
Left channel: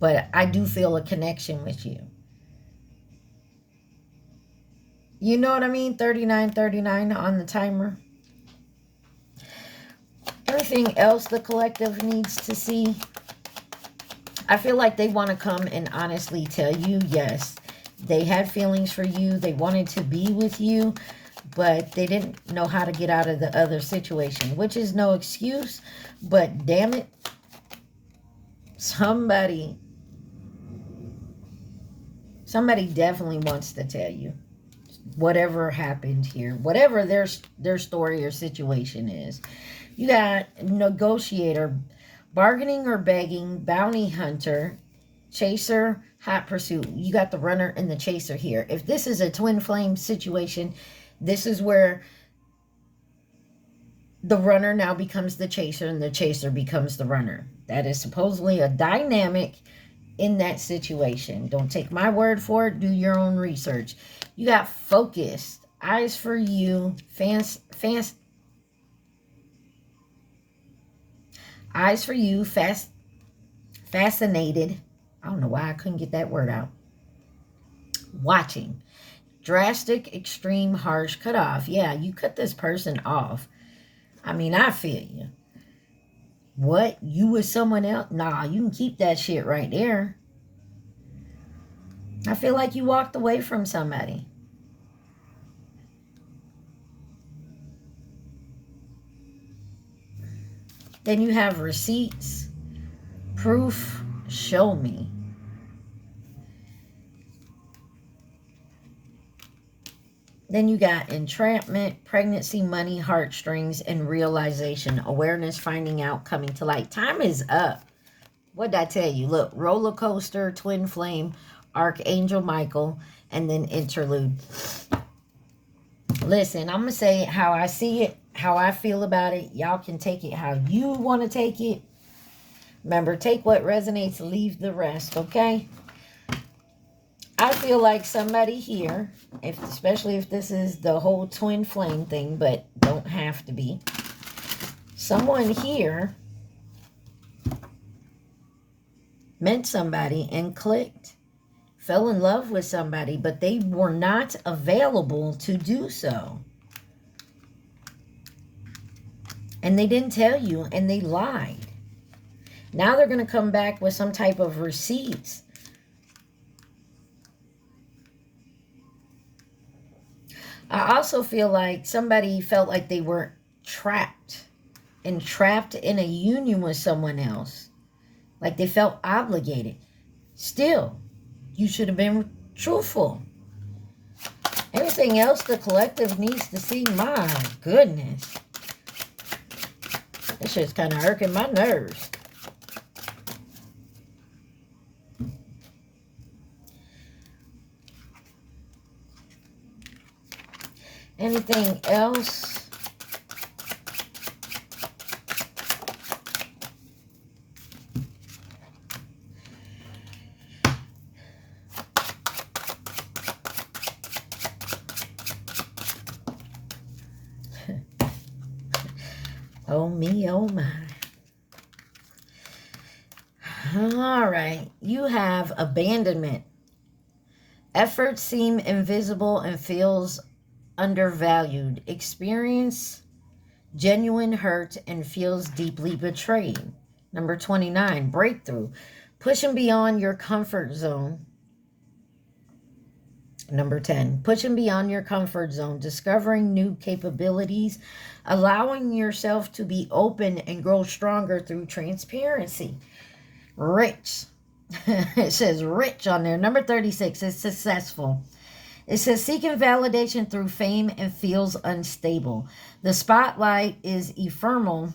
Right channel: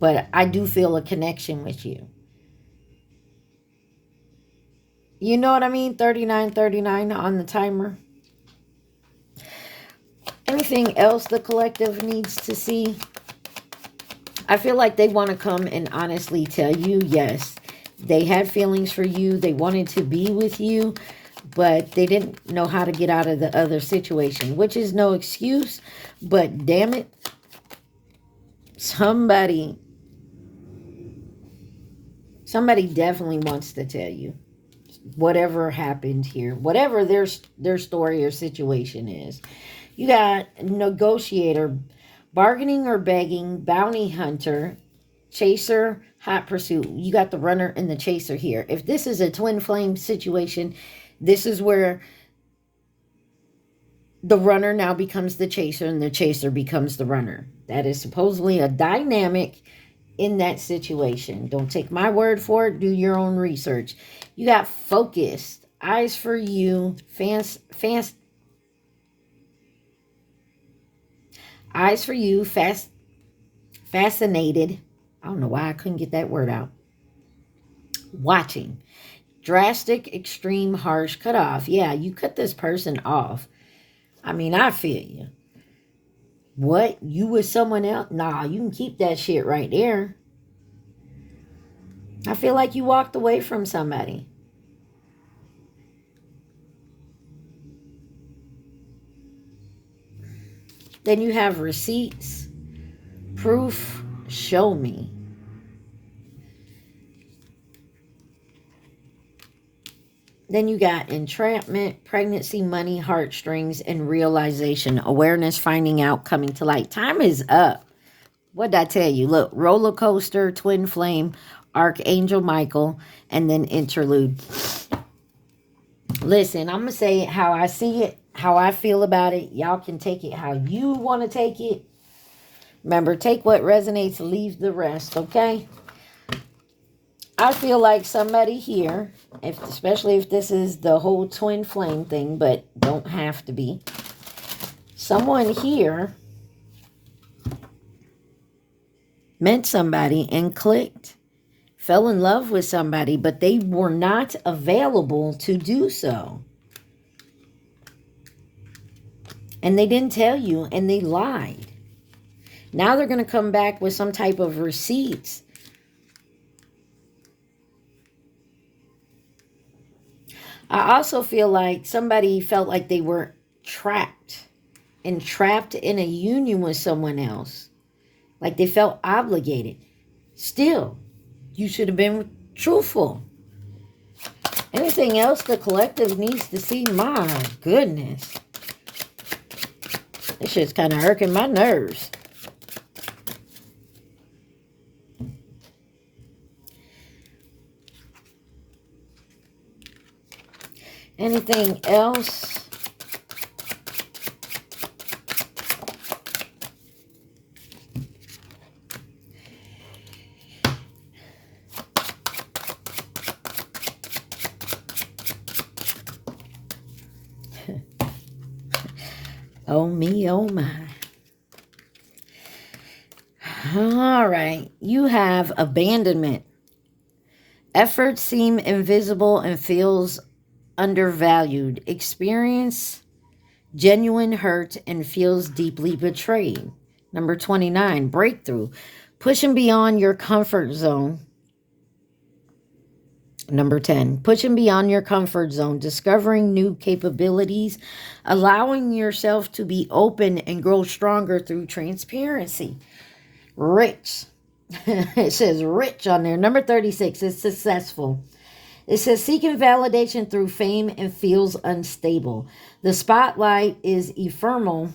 But I do feel a connection with you. You know what I mean? 39:39 on the timer. Anything else the collective needs to see? I feel like they want to come and honestly tell you, yes, They had feelings for you. They wanted to be with you, but they didn't know how to get out of the other situation, which is no excuse. But damn it, somebody definitely wants to tell you whatever happened here, whatever their story or situation is. You got negotiator, bargaining or begging, bounty hunter, chaser, hot pursuit. You got the runner and the chaser here. If this is a twin flame situation, this is where the runner now becomes the chaser and the chaser becomes the runner. That is supposedly a dynamic in that situation. Don't take my word for it. Do your own research. You got focused, eyes for you, eyes for you, fascinated. I don't know why I couldn't get that word out. Watching, drastic, extreme, harsh, cut off. Yeah, you cut this person off. I mean, I feel you. What? You with someone else? Nah, you can keep that shit right there. I feel like you walked away from somebody. Then you have receipts, proof, show me. Then you got entrapment, pregnancy, money, heartstrings, and realization, awareness, finding out, coming to light. Time is up. What did I tell you? Look, roller coaster, twin flame, Archangel Michael, and then interlude. Listen, I'm going to say it how I see it, how I feel about it. Y'all can take it how you want to take it. Remember, take what resonates, leave the rest, okay? I feel like somebody here, especially if this is the whole twin flame thing, but don't have to be. Someone here met somebody and clicked, fell in love with somebody, but they were not available to do so. And they didn't tell you, and they lied. Now they're going to come back with some type of receipts. I also feel like somebody felt like they were trapped in a union with someone else. Like they felt obligated. Still, you should have been truthful. Anything else the collective needs to see? My goodness. This shit's kind of irking my nerves. Anything else? Oh me, oh my. All right. You have abandonment. Efforts seem invisible and feels undervalued. Experience genuine hurt and feels deeply betrayed. Number 29, breakthrough. Pushing beyond your comfort zone. Number 10, pushing beyond your comfort zone, discovering new capabilities, allowing yourself to be open and grow stronger through transparency. Rich. It says rich on there. Number 36 is successful. It says seeking validation through fame and feels unstable. The spotlight is ephemeral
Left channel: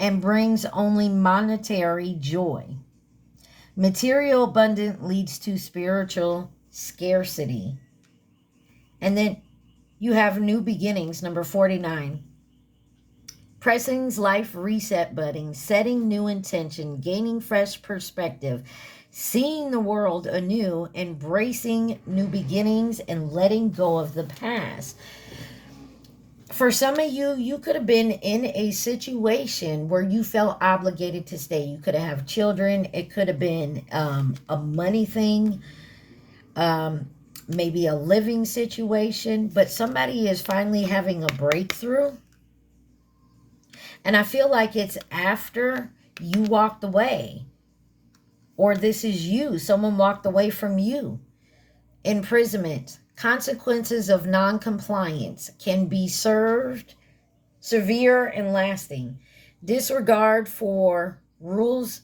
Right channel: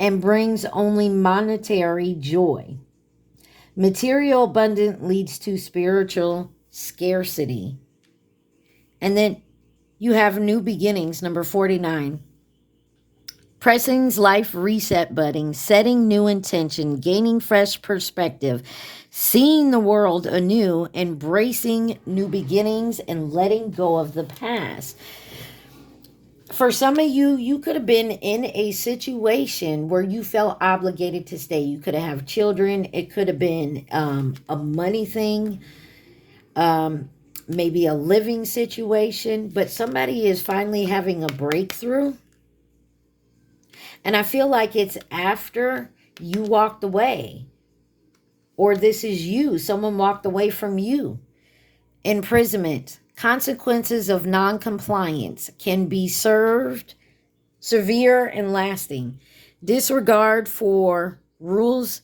and brings only monetary joy. Material abundance leads to spiritual scarcity. And then you have new beginnings, number 49. Pressing's life reset button, setting new intention, gaining fresh perspective, seeing the world anew, embracing new beginnings, and letting go of the past. For some of you, you could have been in a situation where you felt obligated to stay. You could have children. It could have been a money thing, maybe a living situation. But somebody is finally having a breakthrough. And I feel like it's after you walked away. Or this is you. Someone walked away from you. Imprisonment. Consequences of non-compliance can be severe and lasting. Disregard for rules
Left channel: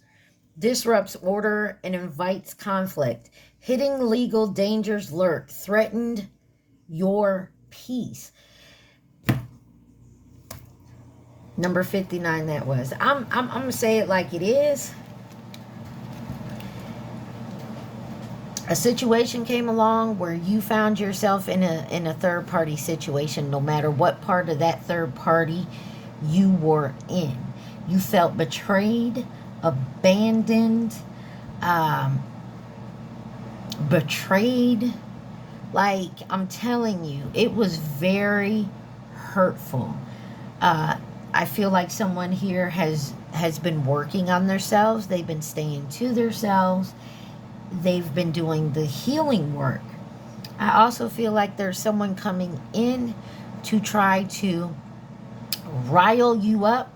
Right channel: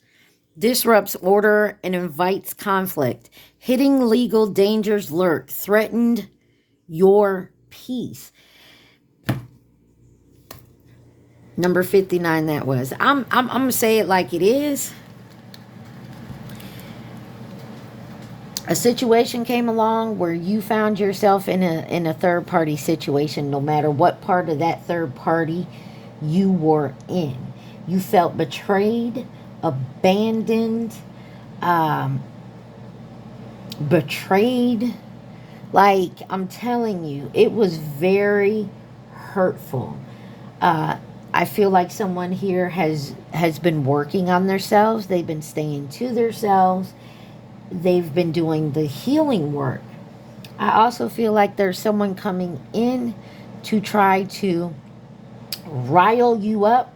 disrupts order and invites conflict. Hitting legal dangers lurk, threatened your peace. Number 59 that was. I'm going to say it like it is. A situation came along where you found yourself in a third party situation, no matter what part of that third party you were in. You felt betrayed, abandoned, betrayed. Like, I'm telling you, it was very hurtful. I feel like someone here has been working on themselves. They've been staying to themselves. They've been doing the healing work. I also feel like there's someone coming in to try to rile you up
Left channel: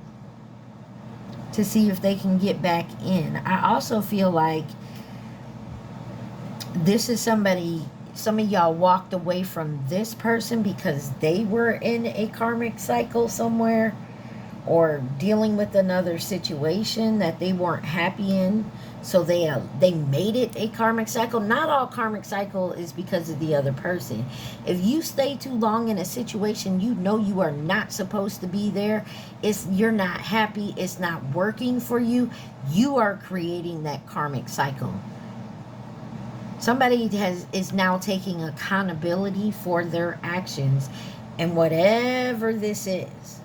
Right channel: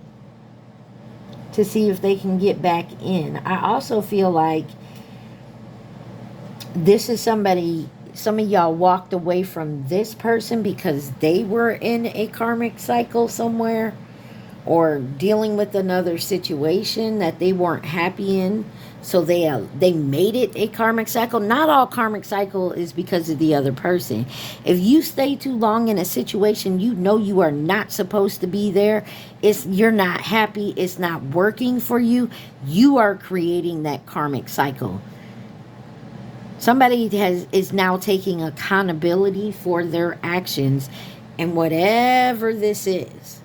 to see if they can get back in. I also feel like this is somebody, some of y'all walked away from this person because they were in a karmic cycle somewhere or dealing with another situation that they weren't happy in. So they made it a karmic cycle. Not all karmic cycle is because of the other person. If you stay too long in a situation you know you are not supposed to be there, you're not happy, it's not working for you, you are creating that karmic cycle. Somebody is now taking accountability for their actions, and whatever this is.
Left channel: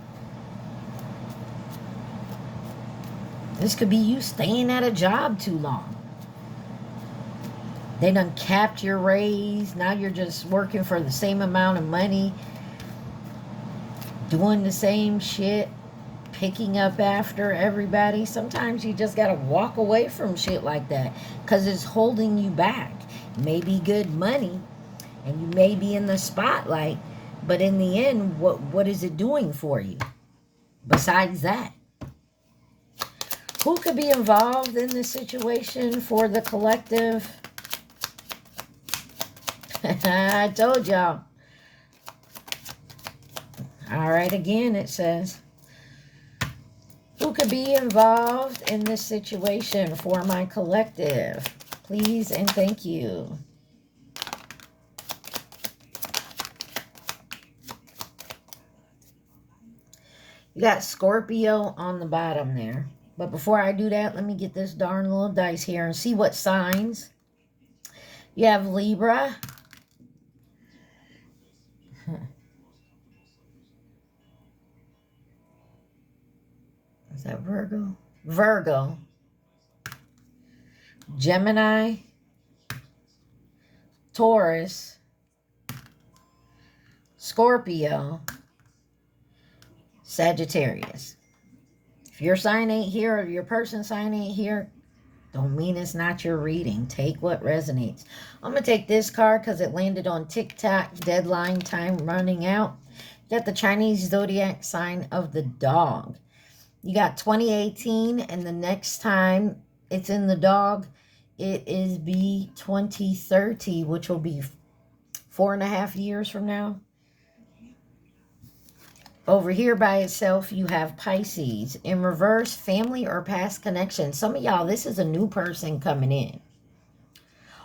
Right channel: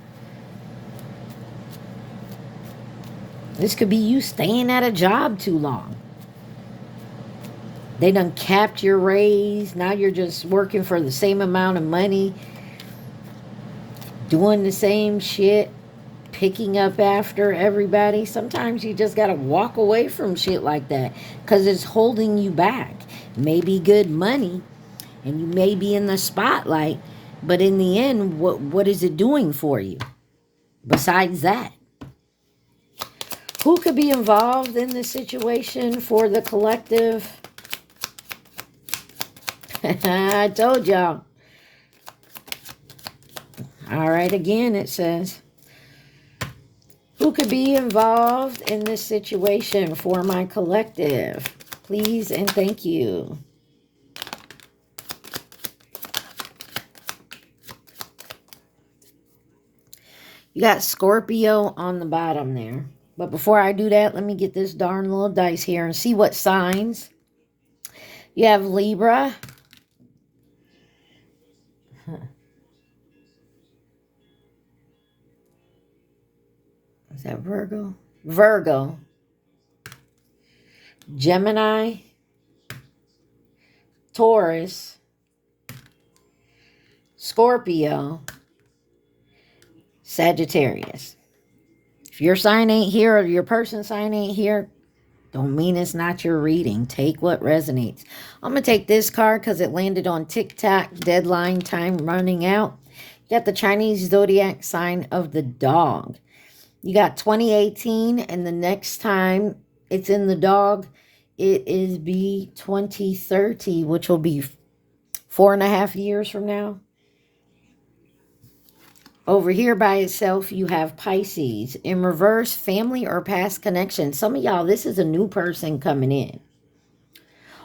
This could be you staying at a job too long. They done capped your raise. Now you're just working for the same amount of money. Doing the same shit. Picking up after everybody. Sometimes you just got to walk away from shit like that. Because it's holding you back. Maybe good money. And you may be in the spotlight. But in the end, what is it doing for you? Besides that. Who could be involved in this situation for the collective? I told y'all. All right, again it says, who could be involved in this situation for my collective? Please and thank you. You got Scorpio on the bottom there. But before I do that, let me get this darn little dice here and see what signs. You have Libra. Is that Virgo? Virgo. Gemini. Taurus. Scorpio. Sagittarius. If your sign ain't here or your person's sign ain't here, don't mean it's not your reading. Take what resonates. I'm going to take this card because it landed on TikTok. Deadline time running out. You got the Chinese zodiac sign of the dog. You got 2018, and the next time it's in the dog, it is be 2030, which will be 4.5 years from now. Over here by itself, you have Pisces. In reverse, family or past connection. Some of y'all, this is a new person coming in.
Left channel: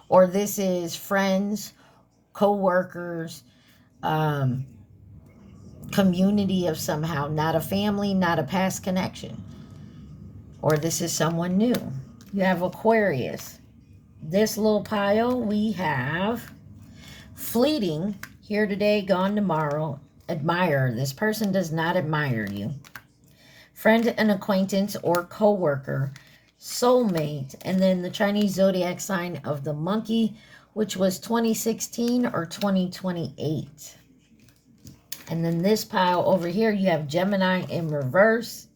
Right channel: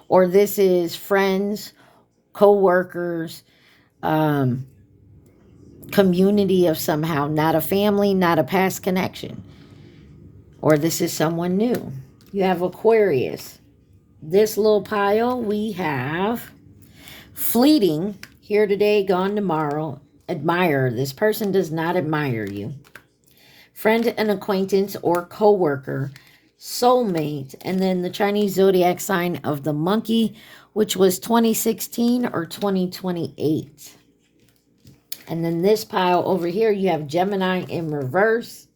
Or this is friends, co-workers, community of somehow. Not a family, not a past connection. Or this is someone new. You have Aquarius. This little pile, we have fleeting, here today, gone tomorrow. Admire. This person does not admire you. Friend and acquaintance or co-worker. Soulmate. And then the Chinese zodiac sign of the monkey, which was 2016 or 2028. And then this pile over here, you have Gemini in reverse.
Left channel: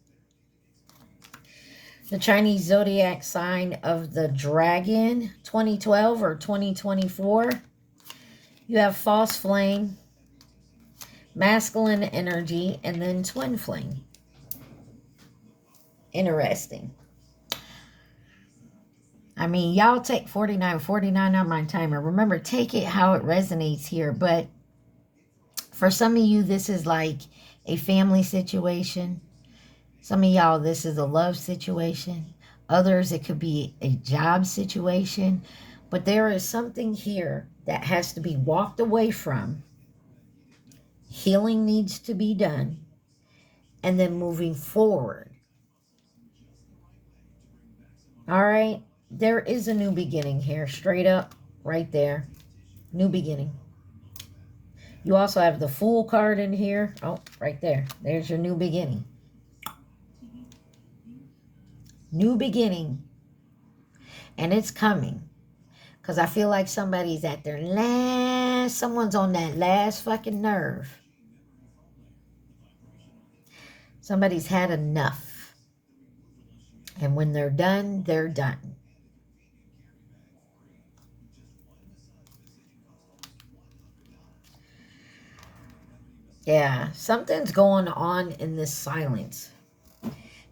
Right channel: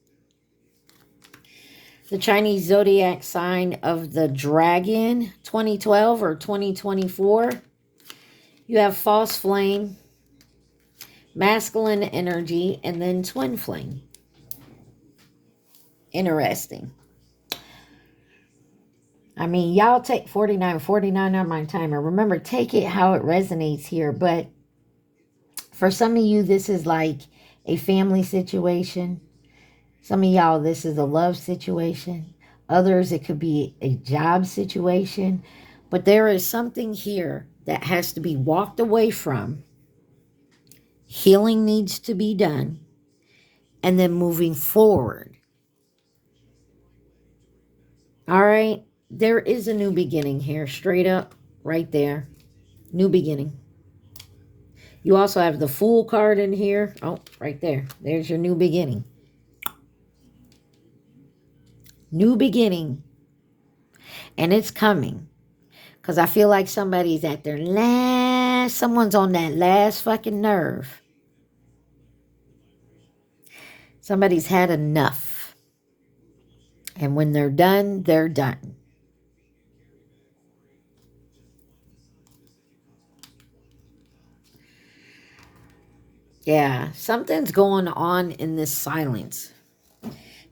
The Chinese zodiac sign of the dragon, 2012 or 2024. You have false flame, masculine energy, and then twin flame. Interesting. I mean, y'all take 49 on my timer. Remember, take it how it resonates here. But for some of you, this is like a family situation. Some of y'all, this is a love situation. Others, it could be a job situation. But there is something here that has to be walked away from. Healing needs to be done. And then moving forward. All right? There is a new beginning here. Straight up. Right there. New beginning. You also have the Fool card in here. Oh, right there. There's your new beginning. New beginning. And it's coming. Because I feel like somebody's at their last... Someone's on that last fucking nerve. Somebody's had enough. And when they're done, they're done. Yeah, something's going on in this silence.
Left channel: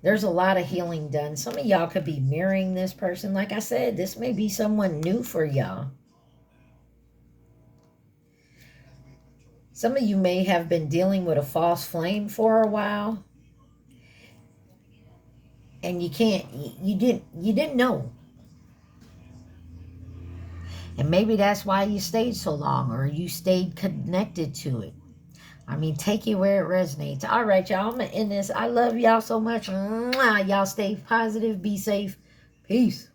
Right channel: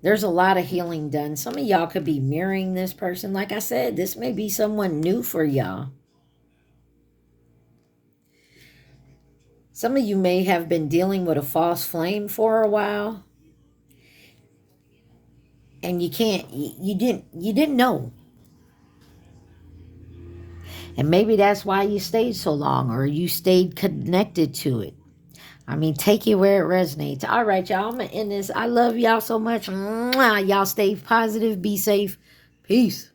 There's a lot of healing done. Some of y'all could be mirroring this person. Like I said, this may be someone new for y'all. Some of you may have been dealing with a false flame for a while. And you didn't know. And maybe that's why you stayed so long, or you stayed connected to it. I mean, take it where it resonates. All right, y'all, I'm going to end this. I love y'all so much. Mwah. Y'all stay positive. Be safe. Peace.